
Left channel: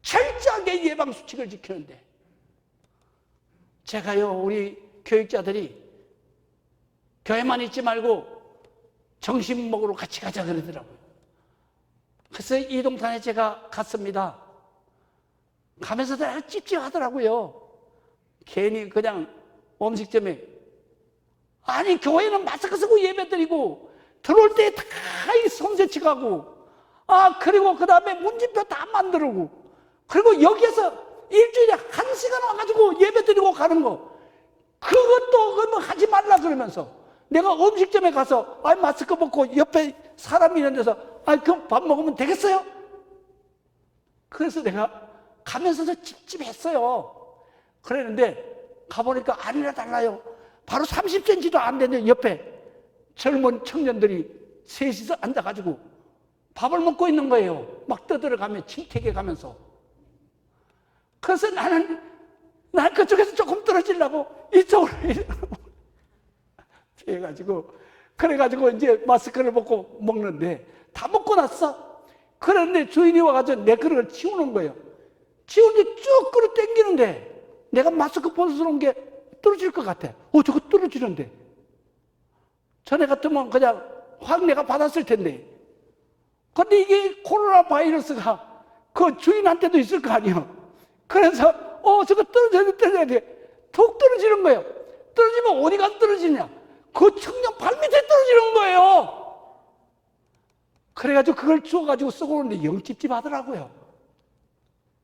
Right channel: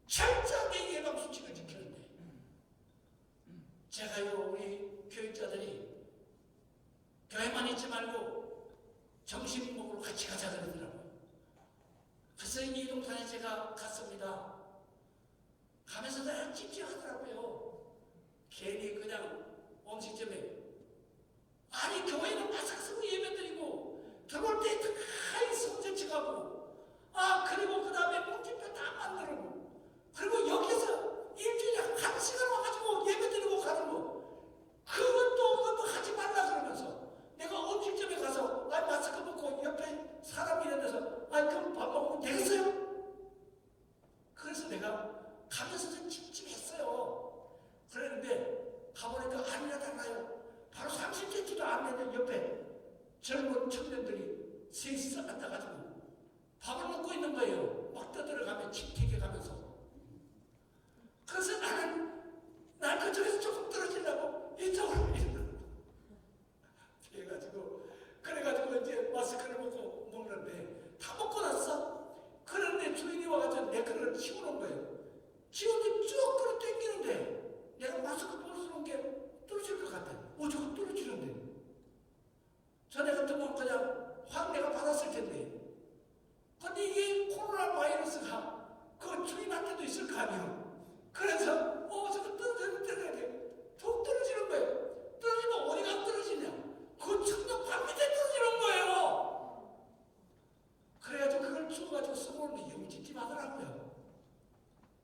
철저하게 예방수칙을 지키는데, 제가요, 우리 교육자들이 교회만 있지 말고 점심 먹으러 같이 가자 그러더라고요. 그래서 이동산에 제가 갔습니다. 가면서 내가 찝찝하더라고요. 괜히 그냥 음식점에, 아니 교회는 마스크 쓰고 예배 드리고 들어올 때 다 손세치가고, 그리고 그 다음에 문진표 다 만들고, 그리고 여기에서 일주일에 1시간 와가지고 예배 드리고 가는 거, 그것도 그러면 하지 말라 그러면서 내가 음식점에 가서 마스크 벗고 옆에 사람이 있는 데서 그 밥 먹으면 되겠어요? 그래서 내가 가면서도 찝찝했어요. 그랬는데 가보니까 아니나 달라요. 바로 30cm도 안 되는 옆에 젊은 청년들이 셋이서 앉아가지고 밥을 먹고 있는 거예요. 막 떠들어가며 침택해 가면서. 그래서 나는 그쪽에서 조금 떨어지려고 이쪽으로 해가지고, 그래가지고 이제 마스크를 벗고 먹는데 다 먹고 났어. 그런데 주인이 와가지고 내 그릇을 치우는 거예요. 치우는데 쭉 끌어 당기는데 내가 마스크 벗어놓은 게 떨어질 것 같아. 저거 떨어지는데. 전에 같으면 그냥 확 내가 받았을 텐데. 근데 이게 코로나 바이러스가 그 주인한테도 있을 거 아니에요. 그래서 저거 떨어져야 돼. 툭 떨어지는 거예요. 떨어지면 어디가 떨어지냐? 그 청년 발 밑에 떨어지는 거예요. 그래가지고 그걸 주워가지고 쓰고 오는데 영 찝찝하더라고요.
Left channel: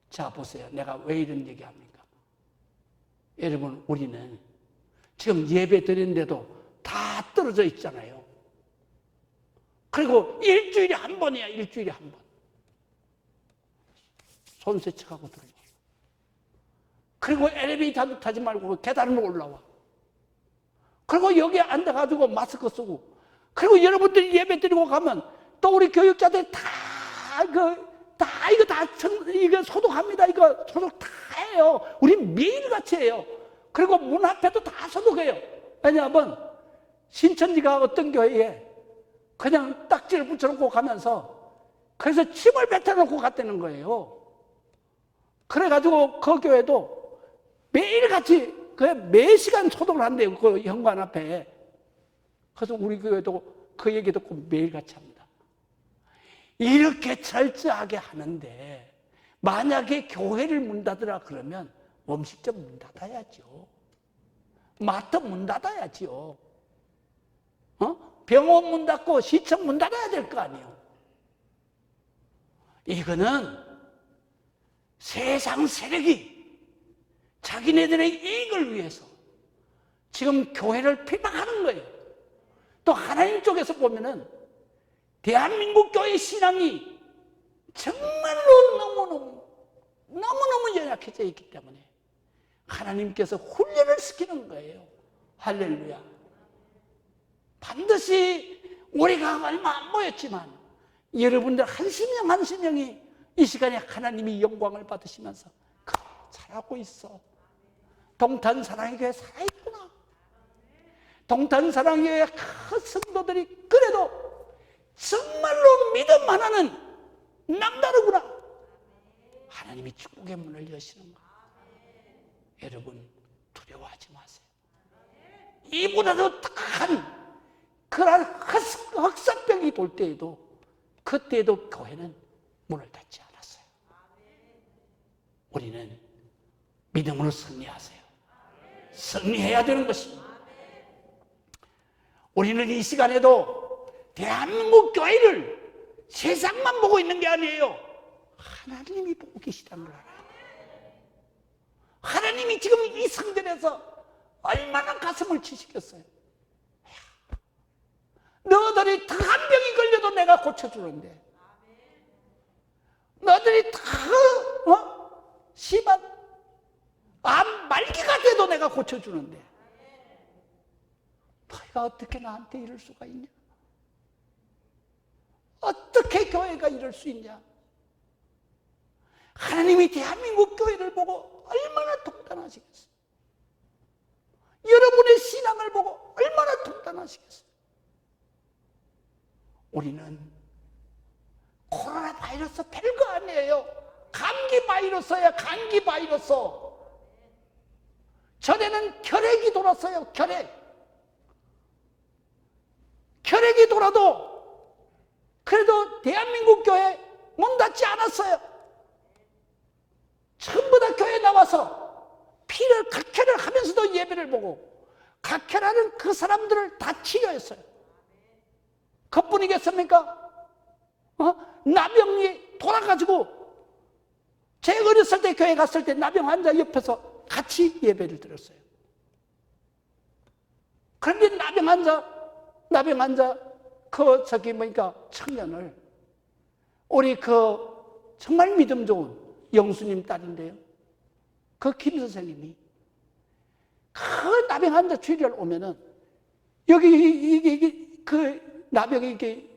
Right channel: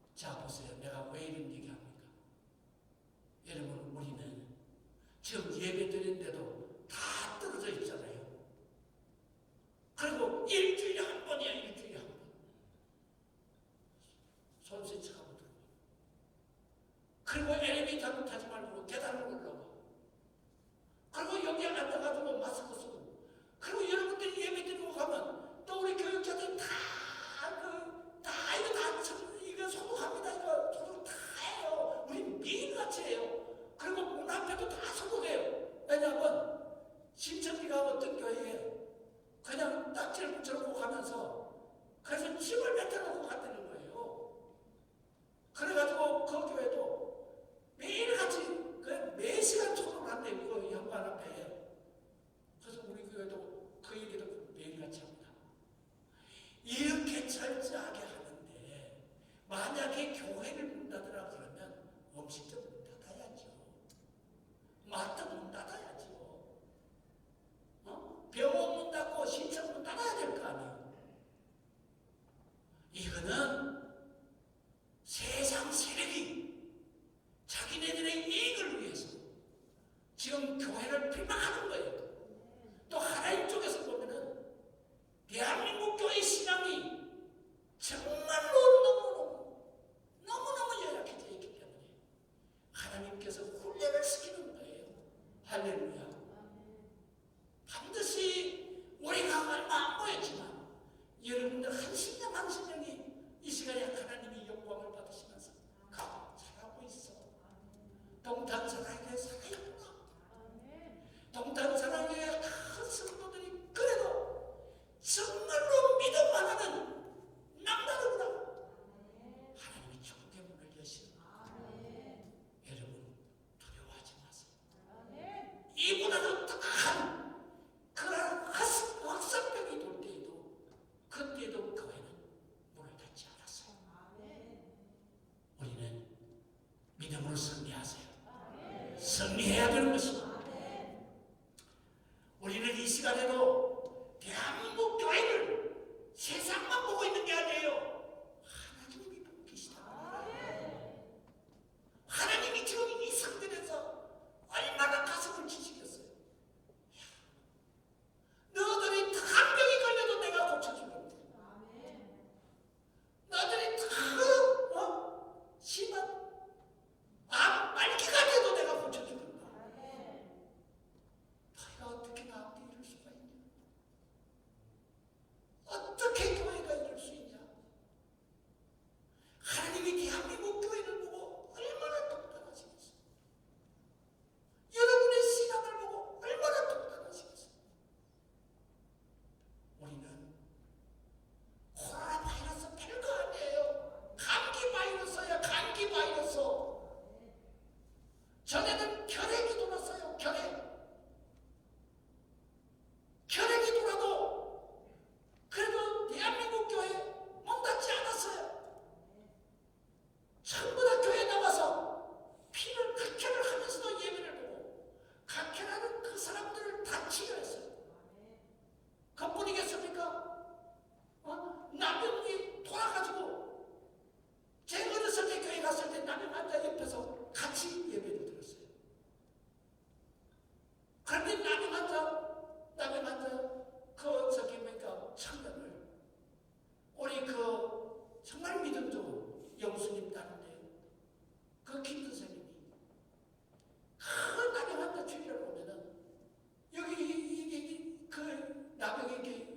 자, 보세요. 내가 왜 이런 얘기합니까? 여러분, 우리는 지금 예배 드리는데도 다 떨어져 있잖아요. 그리고 일주일에 한 번이야. 일주일에 한 번. 손 세척하고 들어요. 그리고 엘리베이터도 타지 말고 계단으로 올라와. 그리고 여기에 앉아가지고 마스크 쓰고, 그리고 여러분들이 예배 드리고 가면 또 우리 교육자들 이거 소독합니다. 이거 소독 다 해요. 우리 매일같이 해요. 그리고 문 앞에도 다 소독해요. 왜냐하면 신천지가 어떤 교회에 그냥 딱지를 붙여놓고 가면서 그래서 침을 뱉어놓고 갔다는 거예요. 그래가지고 그 교회도 매일같이 매 시간 소독을 한대요. 그 현관 앞에. 그래서 우리 교회도 그 얘기 듣고 매일같이 합니다. 이렇게 철저하게 하는데 만약에 교회를 문 닫으라 그러면 음식점 문 닫아야죠. 마트 문 닫아야죠. 병원 문 닫고 시청 문 닫아야 될 거 아니에요. 이거는 세상 세력이 자기네들의 이익을 위해서 지금 교회를 비방하는 거예요. 또 하나님 쪽에서 보면은 대한민국 교회 신앙이 정말로 너무너무 연약해져 있기 때문에 하나님께서 훈련을 시키는 거예요. 할렐루야. 반드시 우리가 얼마 안 모였지만 여러분들 한 심령이 이 시간에 하나님이 영광을 받으시면서 잘하고 있어. 동탄사랑교회 살아있구나. 동탄사랑교회 큰 성도들이 그래도 정말로 믿음 하나는 남다르구나. 하나님이 축복의 문을 여시는 거예요. 여러분 두려워하지 마세요. 이보다도 큰 그런 확산병이 돌 때에도 그때에도 교회는 문을 닫지 않았어요. 우리는 믿음으로 승리하세요. 승리해야 되는 것입니다. 우리는 이 시간에도 대한민국 교회를 세상만 보고 있는 게 아니에요. 하나님이 보고 계시다는 거예요. 하나님이 지금 이 성전에서 얼마나 가슴을 치시겠어요. 너희들이 다 한 병이 걸려도 내가 고쳐주는데, 너희들이 다 심한 암 말기가 돼도 내가 고쳐주는데 너희가 어떻게 나한테 이럴 수가 있냐? 어떻게 교회가 이럴 수 있냐? 하나님이 대한민국 교회를 보고 얼마나 독단하시겠어요? 여러분의 신앙을 보고 얼마나 독단하시겠어요? 우리는 코로나 바이러스 별거 아니에요. 감기 바이러스야, 감기 바이러스. 전에는 혈액이 돌았어요. 혈액이 돌아도 그래도 대한민국 교회 문 닫지 않았어요. 전부 다 교회에 나와서 피를 각혈을 하면서도 예배를 보고 각혈하는 그 사람들을 다 치료했어요. 그뿐이겠습니까? 나병이 돌아가지고 제가 어렸을 때 교회 갔을 때 나병 환자 옆에서 같이 예배를 드렸어요. 그런데 나병 환자 청년을 우리 정말 믿음 좋은 영수님 딸인데요. 김 선생님이 나병 환자 주일날 오면은 여기 나병이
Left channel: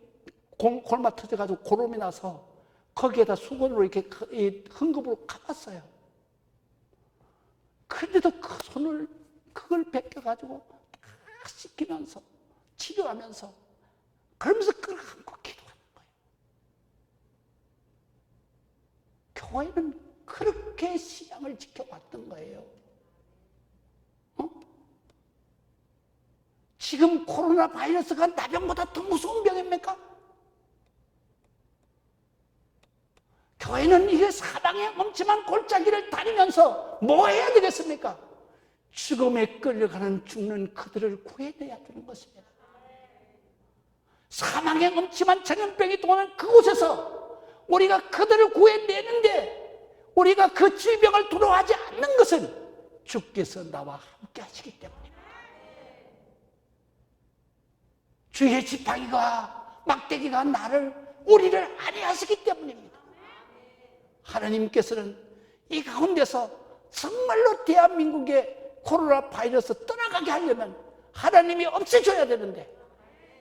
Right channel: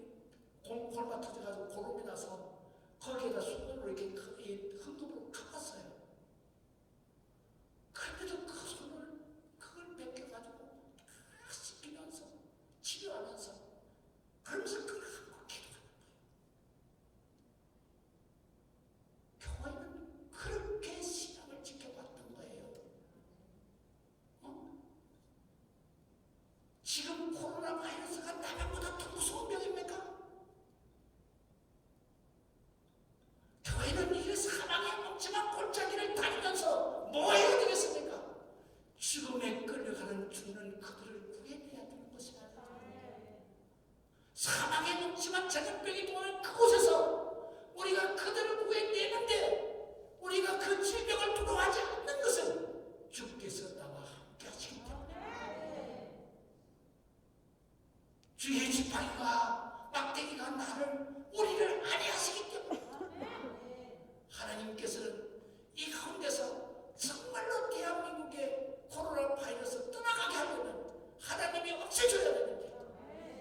골마 터져가지고 고름이 나서 거기에다 수건으로 이렇게 헝겊으로 감았어요. 그런데도 그 손을 그걸 벗겨가지고 다 씻기면서 치료하면서 그러면서 그걸 안고 기도하는 거예요. 교회는 그렇게 신앙을 지켜왔던 거예요. 지금 코로나 바이러스가 나병보다 더 무서운 병입니까? 교회는 이게 사방에 엄청난 골짜기를 다니면서 뭐 해야 되겠습니까? 죽음에 끌려가는 죽는 그들을 구해내야 되는 것입니다. 사망의 엄침한 전염병이 도는 그곳에서 우리가 그들을 구해내는데 우리가 그 질병을 두려워하지 않는 것은 주께서 나와 함께 하시기 때문에 주의 지팡이가 막대기가 우리를 안위하시기 때문입니다. 하나님께서는 이 가운데서 정말로 대한민국의 코로나 바이러스 떠나가게 하려면 하나님이 없애줘야 되는데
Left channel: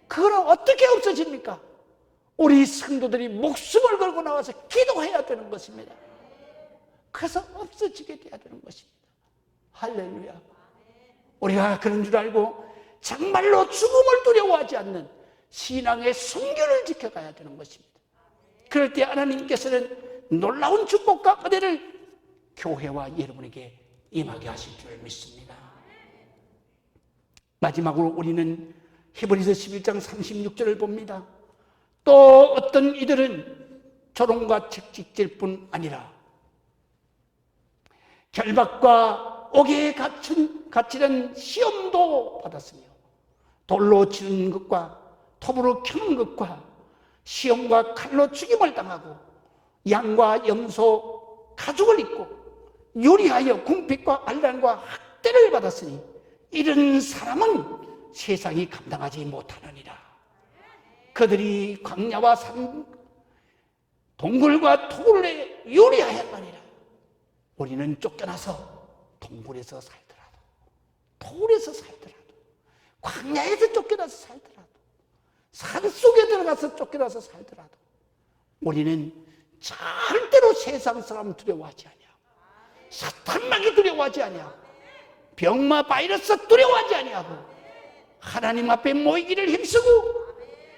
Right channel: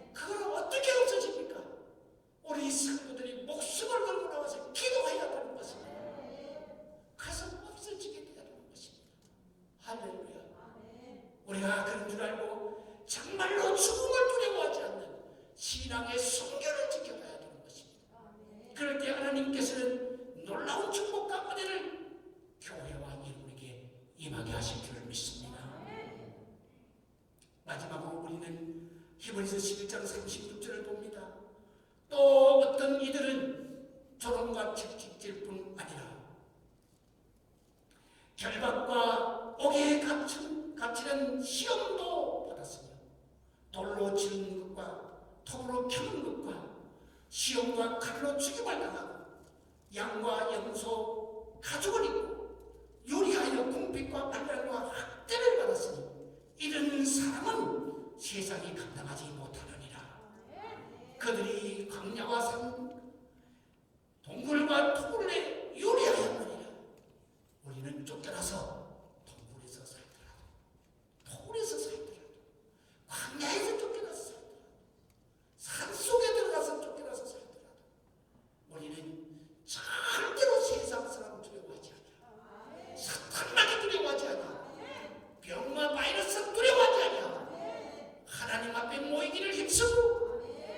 그거는 어떻게 없어집니까? 우리 성도들이 목숨을 걸고 나와서 기도해야 되는 것입니다. 그래서 없어지게 돼야 되는 것입니다. 할렐루야. 우리가 그런 줄 알고 정말로 죽음을 두려워하지 않는 신앙의 순결을 지켜가야 되는 것입니다. 그럴 때 하나님께서는 놀라운 축복과 은혜를 교회와 여러분에게 임하게 하실 줄 믿습니다. 마지막으로 우리는 히브리서 11장 36절을 봅니다. 또 어떤 이들은 조롱과 채찍질 뿐 아니라 결박과 옥에 갇히는 시험도 받았으며 돌로 치는 것과 톱으로 켜는 것과 시험과 칼로 죽임을 당하고 양과 염소 가죽을 입고 요리하여 궁핍과 안란과 학대를 받았으니 이런 사람은 세상이 감당하지 못하느니라. 그들이 광야와 산 동굴과 토굴에 요리하였느니라. 우리는 쫓겨나서 동굴에서 살더라도 토굴에서 살더라도 광야에서 쫓겨나서 살더라도 산속에 들어가서 쫓겨나서 살더라도 우리는 절대로 세상 사람 두려워하지 않냐. 사탄만이 두려워하지 않냐. 병마 바이러스 두려워하지 않냐고. 하나님 앞에 모이기를 힘쓰고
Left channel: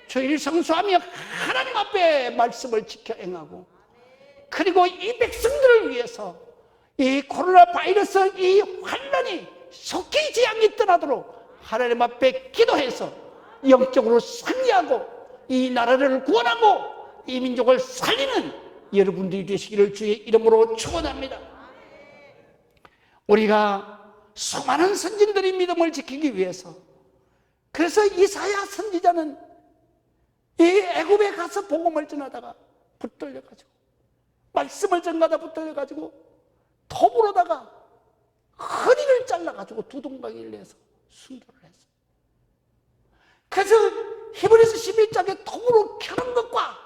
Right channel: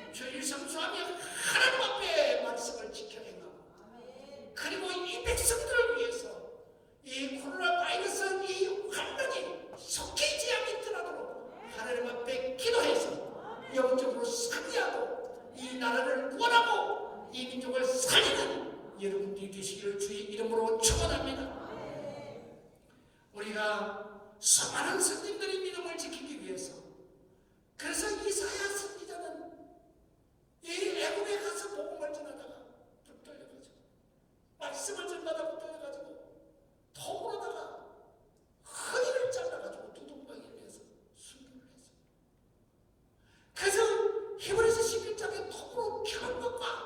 주일 성수하며 하나님 앞에 말씀을 지켜 행하고 그리고 이 백성들을 위해서 이 코로나 바이러스 이 환난이 속히 재앙이 떠나도록 하나님 앞에 기도해서 영적으로 승리하고 이 나라를 구원하고 이 민족을 살리는 여러분들이 되시기를 주의 이름으로 축원합니다. 우리가 수많은 선진들의 믿음을 지키기 위해서, 그래서 이사야 선지자는 이 애굽에 가서 복음을 전하다가 붙들려가지고, 말씀을 전하다 붙들려가지고 톱으로다가 허리를 잘라가지고 두동강을 내서 순교를 했어요. 그래서 히브리서 11장에 톱으로 켜는 것과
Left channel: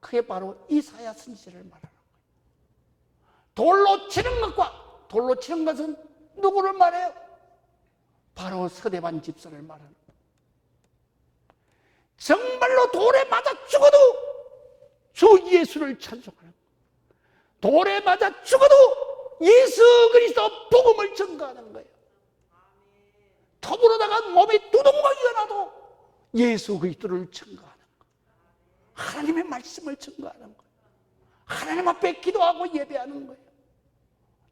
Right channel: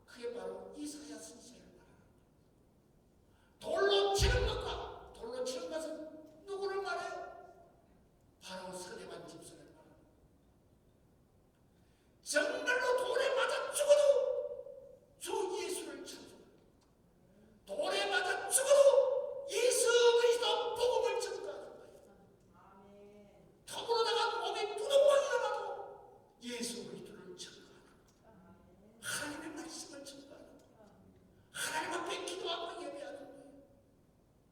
그게 바로 이사야 선지자를 말하는 거예요. 돌로 치는 것과, 돌로 치는 것은 누구를 말해요? 바로 서대반 집사를 말하는 거예요. 정말로 돌에 맞아 죽어도 주 예수를 찬송하는, 돌에 맞아 죽어도 예수 그리스도 복음을 전가하는 거예요. 톱으로다가 몸이 두동강이 나도 예수 그리스도를 전가하는 거예요. 하나님의 말씀을 전가하는 거예요. 하나님 앞에 기도하고 예배하는 거예요.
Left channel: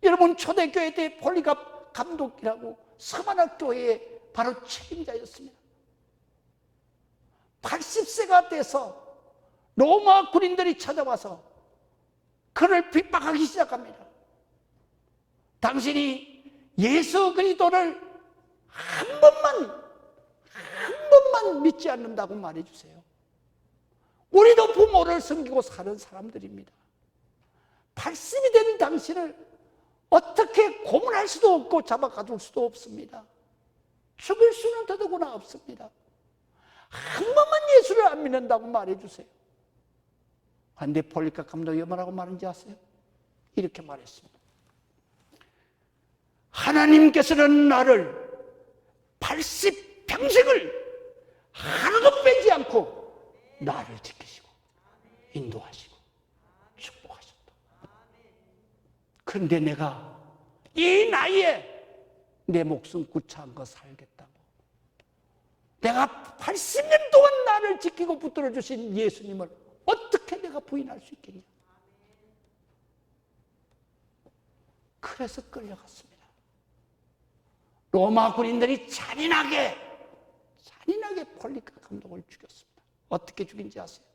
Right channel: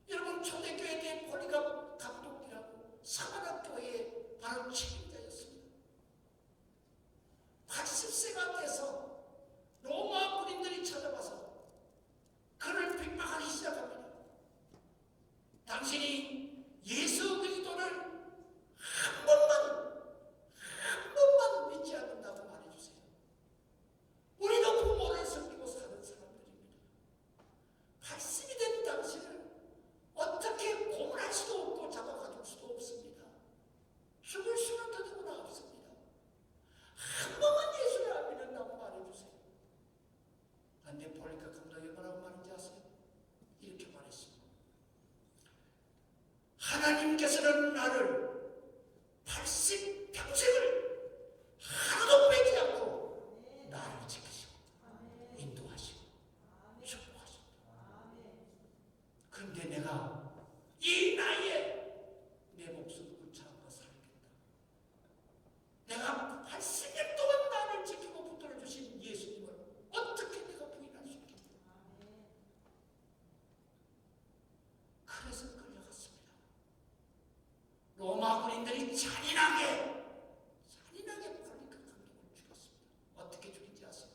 여러분, 초대교회 때 폴리갑 감독이라고 서만학 교회의 바로 책임자였습니다. 80세가 돼서 로마 군인들이 찾아와서 그를 핍박하기 시작합니다. 당신이 예수 그리스도를 한 번만 믿지 않는다고 말해주세요. 우리도 부모를 섬기고 사는 사람들입니다. 80이 된 당신을 어떻게 고문할 수도 없고 잡아가둘 수도 없습니다. 죽일 수는 더더구나 없습니다. 한 번만 예수를 안 믿는다고 말해주세요. 그런데 폴리갑 감독이 뭐라고 말하는지 아세요? 이렇게 말했습니다. 하나님께서는 나를 80평생을 하나도 빼지 않고 나를 지키시고 인도하시고 축복하신다. 그런데 내가 이 나이에 내 목숨 구차한 거 살겠다고, 내가 80년 동안 나를 지키고 붙들어 주신 예수님을 어떻게 내가 부인할 수 있겠냐. 그래서 끌려갔습니다. 로마 군인들이 잔인하게 폴리갑 감독을 죽였습니다. 어떻게 죽인지 아세요?